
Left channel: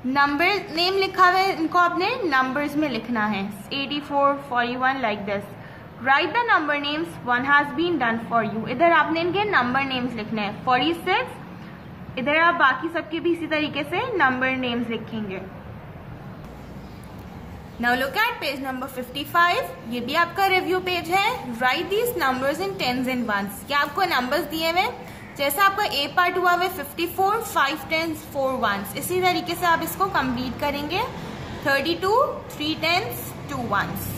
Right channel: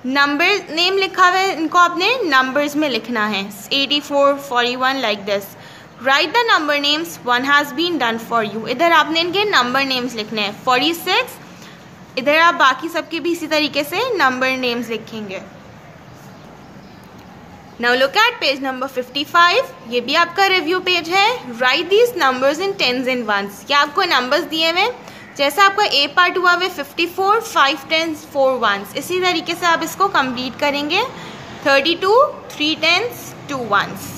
Number name लिखा हुआ है, इनको आपने नंबर्स में लिखना है. 84, 41 like this. Write the number names. One has been done for you. इधर आपने इनके नंबर नेम्स लिखने हैं. 46. इधर आप बाकी सबके भी इसी तरीके से नंबर नेम्स लिखेंगे. Now look at page number 55. ये भी आपका रिव्यू पेज है. Write these numbers in tens and ones. ये आपको नंबर्स दिए हुए. जैसा आपका ए पार्ट हुआ है 54, 5 tens, 4 ones. इसी तरीके से आप इसको कंप्लीट करेंगे. 32, 3 tens, 2 ones.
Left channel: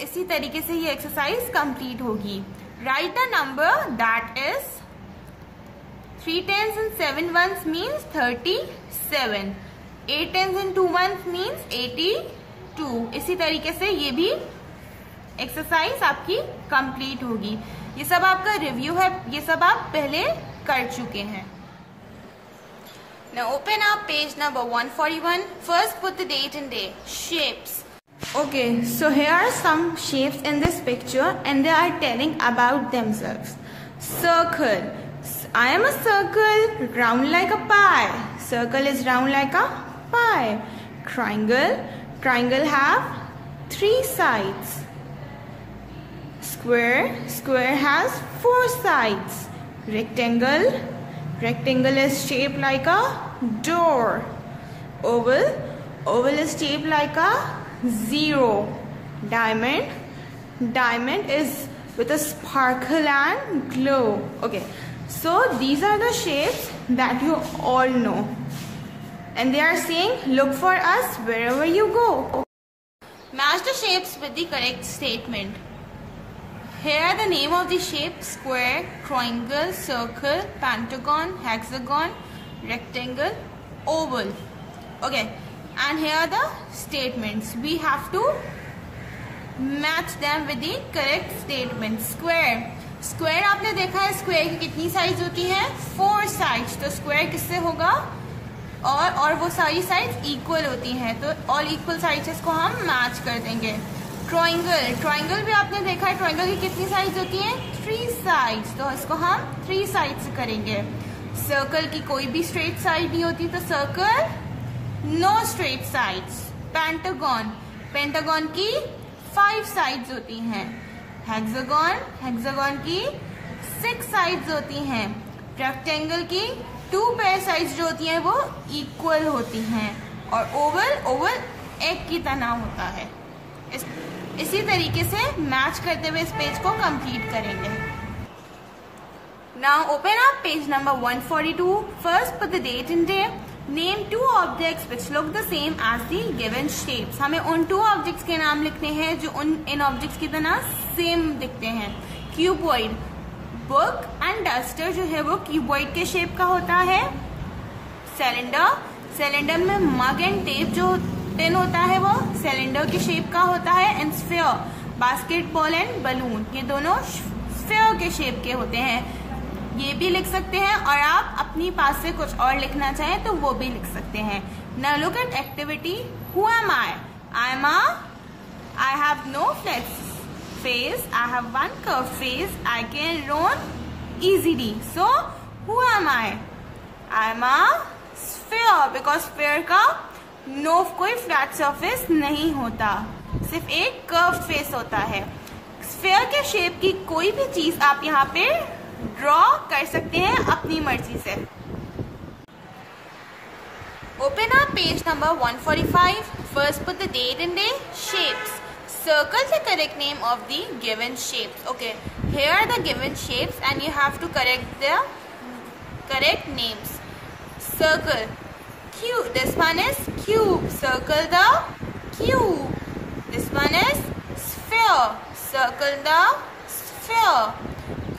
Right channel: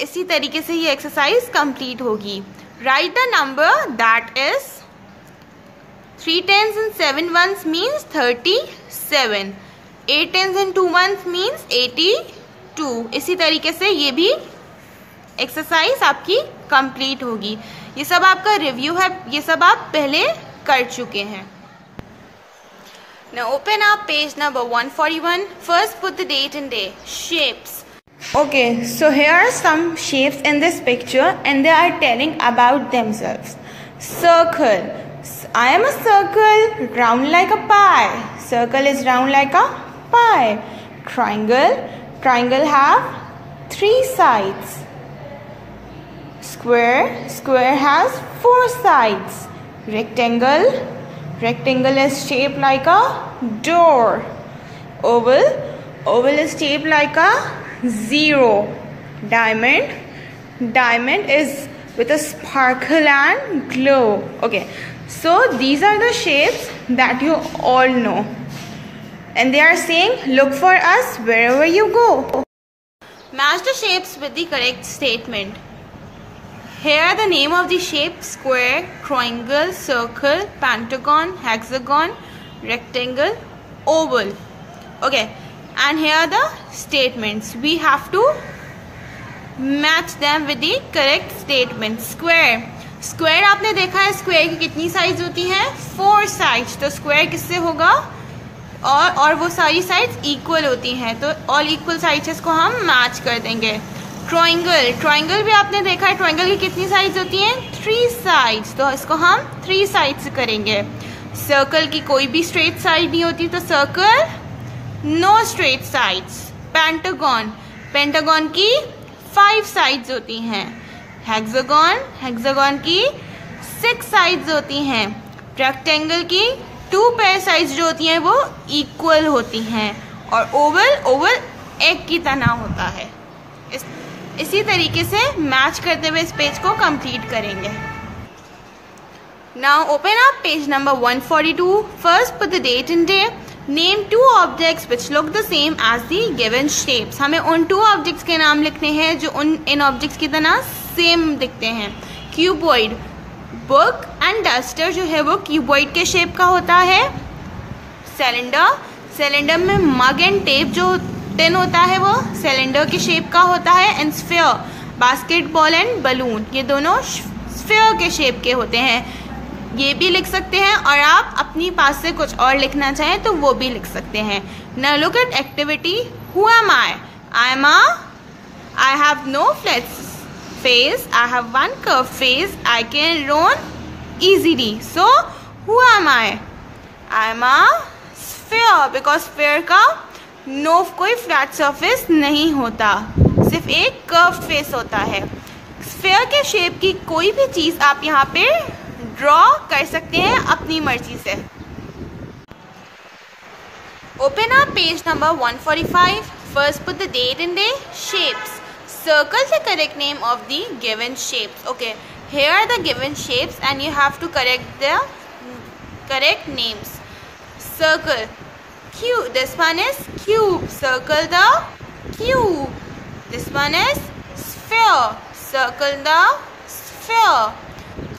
इसी तरीके से ये एक्सरसाइज कंप्लीट होगी. Right the number that is 3 tens and 7 ones means 37. 8 tens and 2 ones means 82. इसी तरीके से ये भी एक्सरसाइज आपकी कंप्लीट होगी. ये सब आपका रिव्यू है, ये सब आप पहले कर चुके हैं. Now open up page number 141. First put the date and day. Shapes. Okay, so here are some shapes in this picture and they are telling about themselves. Circle. I am a circle, round like a pie. Circle is round like a pie. Triangle. Triangle have 3 sides. Square. Square has 4 sides. Rectangle. Rectangle is shaped like a door. Oval. Oval is shaped like a 0. Diamond. Diamond is with a sparkle and glow. Okay, so these are the shapes that you all know, and they are saying look for us wherever you go. Match the shapes with the correct statement. Here are the name of the shapes: square, triangle, circle, pentagon, hexagon, rectangle, oval. Okay. And here are the statements. We have to match them with the correct statement. Square. Square आपने देखा है square की कितनी sides होती हैं? 4 sides. तो square किससे होगा? और वो सारी sides equal होती हैं. तो all equal sides को हम match कर देंगे. ट्राइंगल भी आपने देखा है, ट्राइंगल की कितनी साइड्स होती हैं? 3 साइड्स, तो इसको हम 3 साइड्स करेंगे। सर्कल की कोई भी स्ट्रेट साइड नहीं होती, तो circle no straight sides. Pentagon की 5 साइड्स होती हैं। हेक्सागन की 6 साइड्स होती हैं। रेक्टेंगल की 2 पेयर साइड्स जो होती हैं वो इक्वल होती हैं। और ओवल एक की तरह होता है। इसी तरीके से मैच करते हुए इस पेज को कंप्लीट करेंगे। Now open up page number 142. First put the date and day. Name 2 objects which look the same as the given shapes. हमें उन 2 ऑब्जेक्ट्स के नाम लिखने हैं जो इन ऑब्जेक्ट्स की तरह सेम दिखते हैं। क्यूबॉइड, बुक एंड डस्टर जो है वो क्यूबॉइड के शेप का होता है। सिलेंडर में मग एंड टेप जो टिन होता है वो सिलेंडर के शेप का होता है। And sphere, basketball and balloon, ये दोनों स्फीयर के शेप के होते हैं। ये भी लिख सकते हैं, और आप अपनी पास से कुछ और लिखना चाहें तो वो भी लिख सकते हैं। Now look eight activity. Who am I? I have no flat face. I have one curved face. I can run easily. So who am I? I am a sphere, because sphere का नो कोई फ्लैट सरफेस नहीं होता, सिर्फ एक कर्व फेस होता है। स्फीयर के शेप की कोई भी चीज आप यहाँ पे ड्रॉ कर सकते हैं अपनी मर्जी से। Open up page number 145. First put the date and day. Shapes. Circle the correct name of the given shapes. Okay, here are the given shapes and you have to correct the correct names. Circle. Cube. This one is cube. Circle the cube. This one is sphere. Circle the sphere.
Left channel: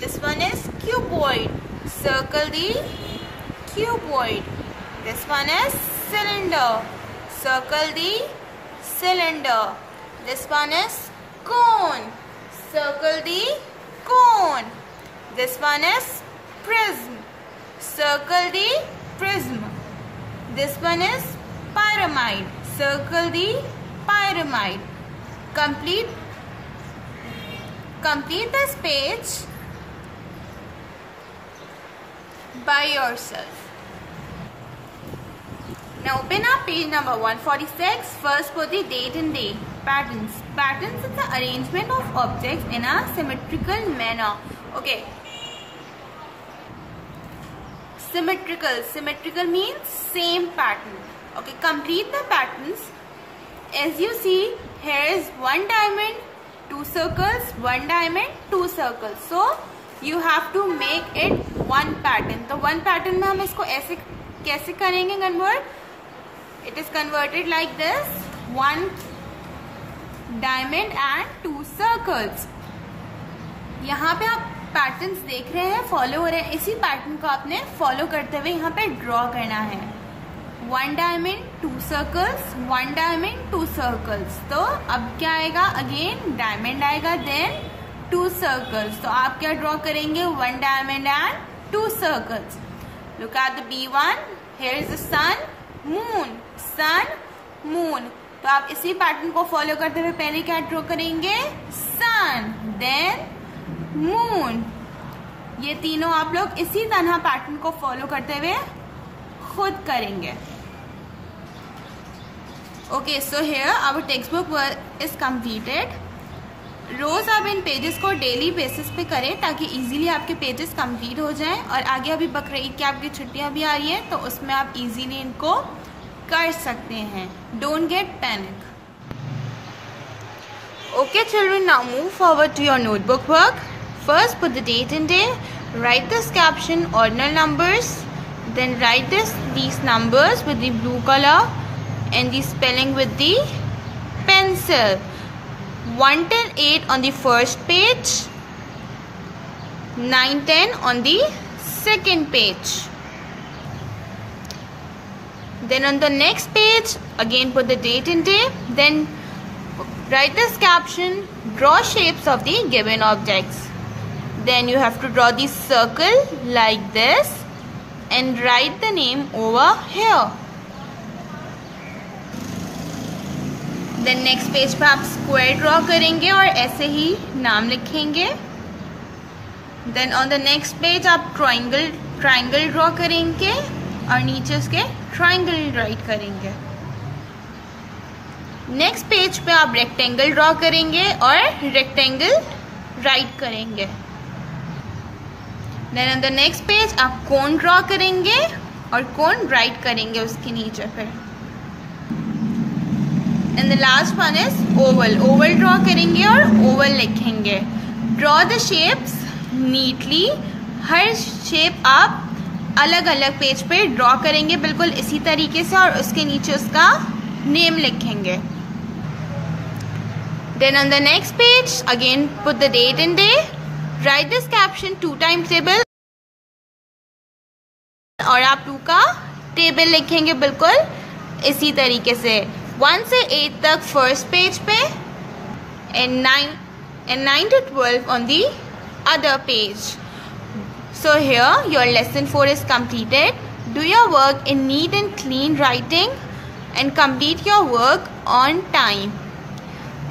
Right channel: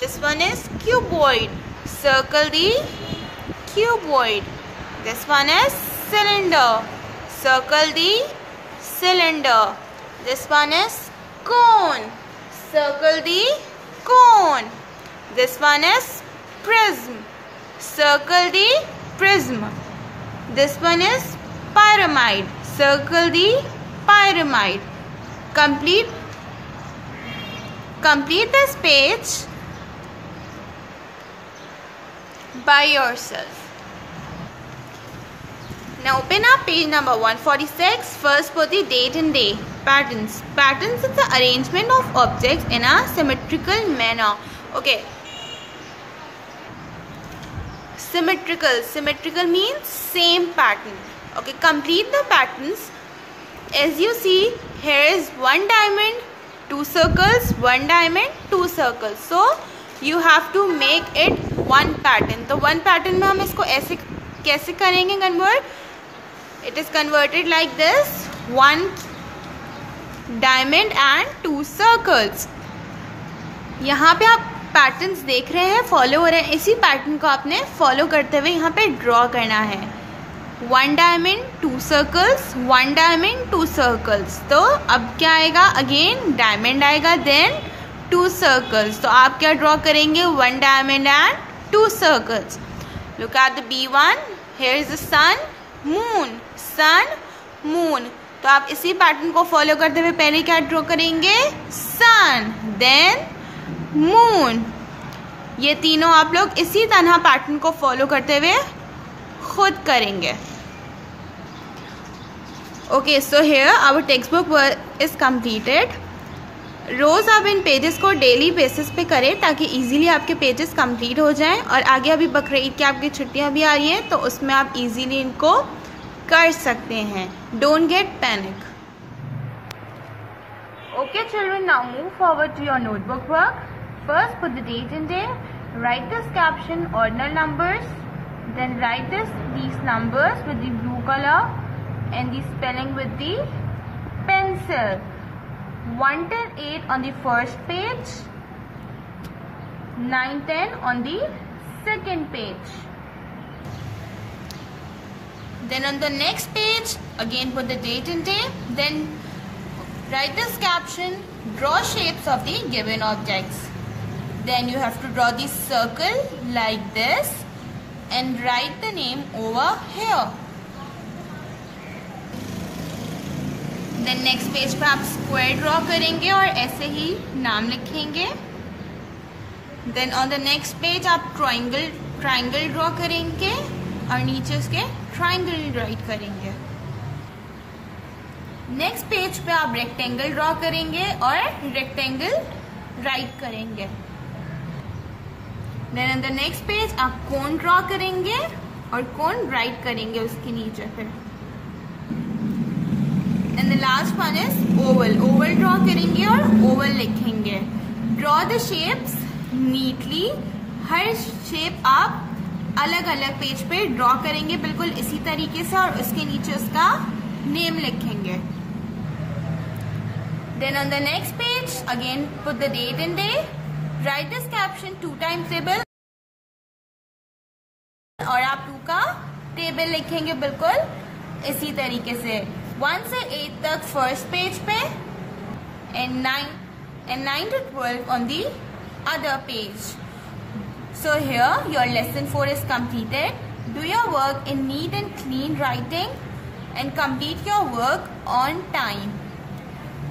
This one is cuboid. Circle the cuboid. This one is cylinder. Circle the cylinder. This one is cone. Circle the cone. This one is prism. Circle the prism. This one is pyramid. Circle the pyramid. Complete this page by yourself. Now open up page number 146. First put the date and day. Patterns. Patterns is the arrangement of objects in a symmetrical manner. Okay. Symmetrical means same pattern. Okay, complete the patterns. As you see, here is 1 diamond, 2 circles, 1 diamond, 2 circles. So you have to make it 1 pattern. तो 1 pattern में हम इसको ऐसे कैसे करेंगे convert? It is converted like this: 1 diamond and 2 circles. यहाँ पे आप पैटर्न्स देख रहे हैं, फॉलो हो रहे हैं। इसी पैटर्न को आपने फॉलो करते हुए यहाँ पे ड्रॉ करना है। 1 डायमंड 2 सर्कल्स, 1 डायमंड 2 सर्कल्स। तो अब क्या आएगा? अगेन डायमंड आएगा, देन 2 सर्कल्स। तो आप क्या ड्रॉ करेंगे? 1 diamond and 2 circles. Look at the B1. Here is the sun, moon, sun, moon. तो आप इसी पैटर्न को फॉलो करते हुए पहले क्या ड्रॉ करेंगे? सन, देन मून। ये तीनों आप लोग इसी तरह पैटर्न को फॉलो करते हुए खुद करेंगे। Okay, so here our text book is completed. रोज आप इन पेजेस को डेली बेसिस पे करें ताकि इजीली आपके पेजेस कंप्लीट हो जाएं। और आगे अभी बकरीद की आपकी छुट्टियां भी आ रही हैं, तो उसमें आप इजीली इनको कर सकते हैं। Don't get panic. Okay children, now move forward to your notebook work. First put the date and day, write this caption ordinal numbers, then write these numbers with the blue color and the spelling with the pencil. 1, 10, 8 on the first page, 9, 10 on the second page. Then on the next page, again put the date and day, then write this caption, draw shapes of the given objects. Then you have to draw the circle like this and write the name over here. Then next page पे आप स्क्वायर ड्रॉ करेंगे और ऐसे ही नाम लिखेंगे। Then on the next page आप ट्राइंगल ड्रॉ करेंगे और नीचे उसके ट्राइंगल राइट करेंगे। नेक्स्ट पेज पे आप रेक्टेंगल ड्रॉ करेंगे और रेक्टेंगल राइट करेंगे। Then on the next page आप कोन ड्रॉ करेंगे और कोन राइट करेंगे उसके नीचे पे। And the last one is Oval draw करेंगे और ओवल लिखेंगे। Draw the shapes neatly. Her shape आप अलग अलग पेज पे ड्रॉ करेंगे बिल्कुल इसी तरीके से और उसके नीचे उसका नेम लिखेंगे। Then on the next page again put the date and day. Write this caption 2 times table और आप 2 का टेबल लिखेंगे बिल्कुल इसी तरीके से 1 से 8 तक फर्स्ट पेज पे and 9 to 12 on the other page. So here your lesson 4 is completed. Do your work in neat and clean writing and complete your work on time.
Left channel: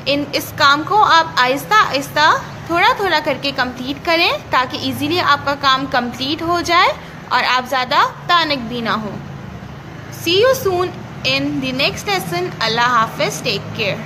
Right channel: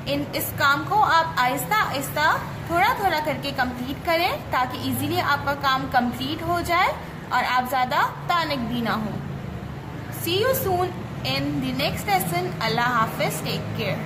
इस काम को आप आहिस्ता आहिस्ता थोड़ा करके कंप्लीट करें ताकि इजीली आपका काम कंप्लीट हो जाए और आप ज़्यादा पैनिक भी ना हो। See you soon in the next lesson. Allah Hafiz. Take care.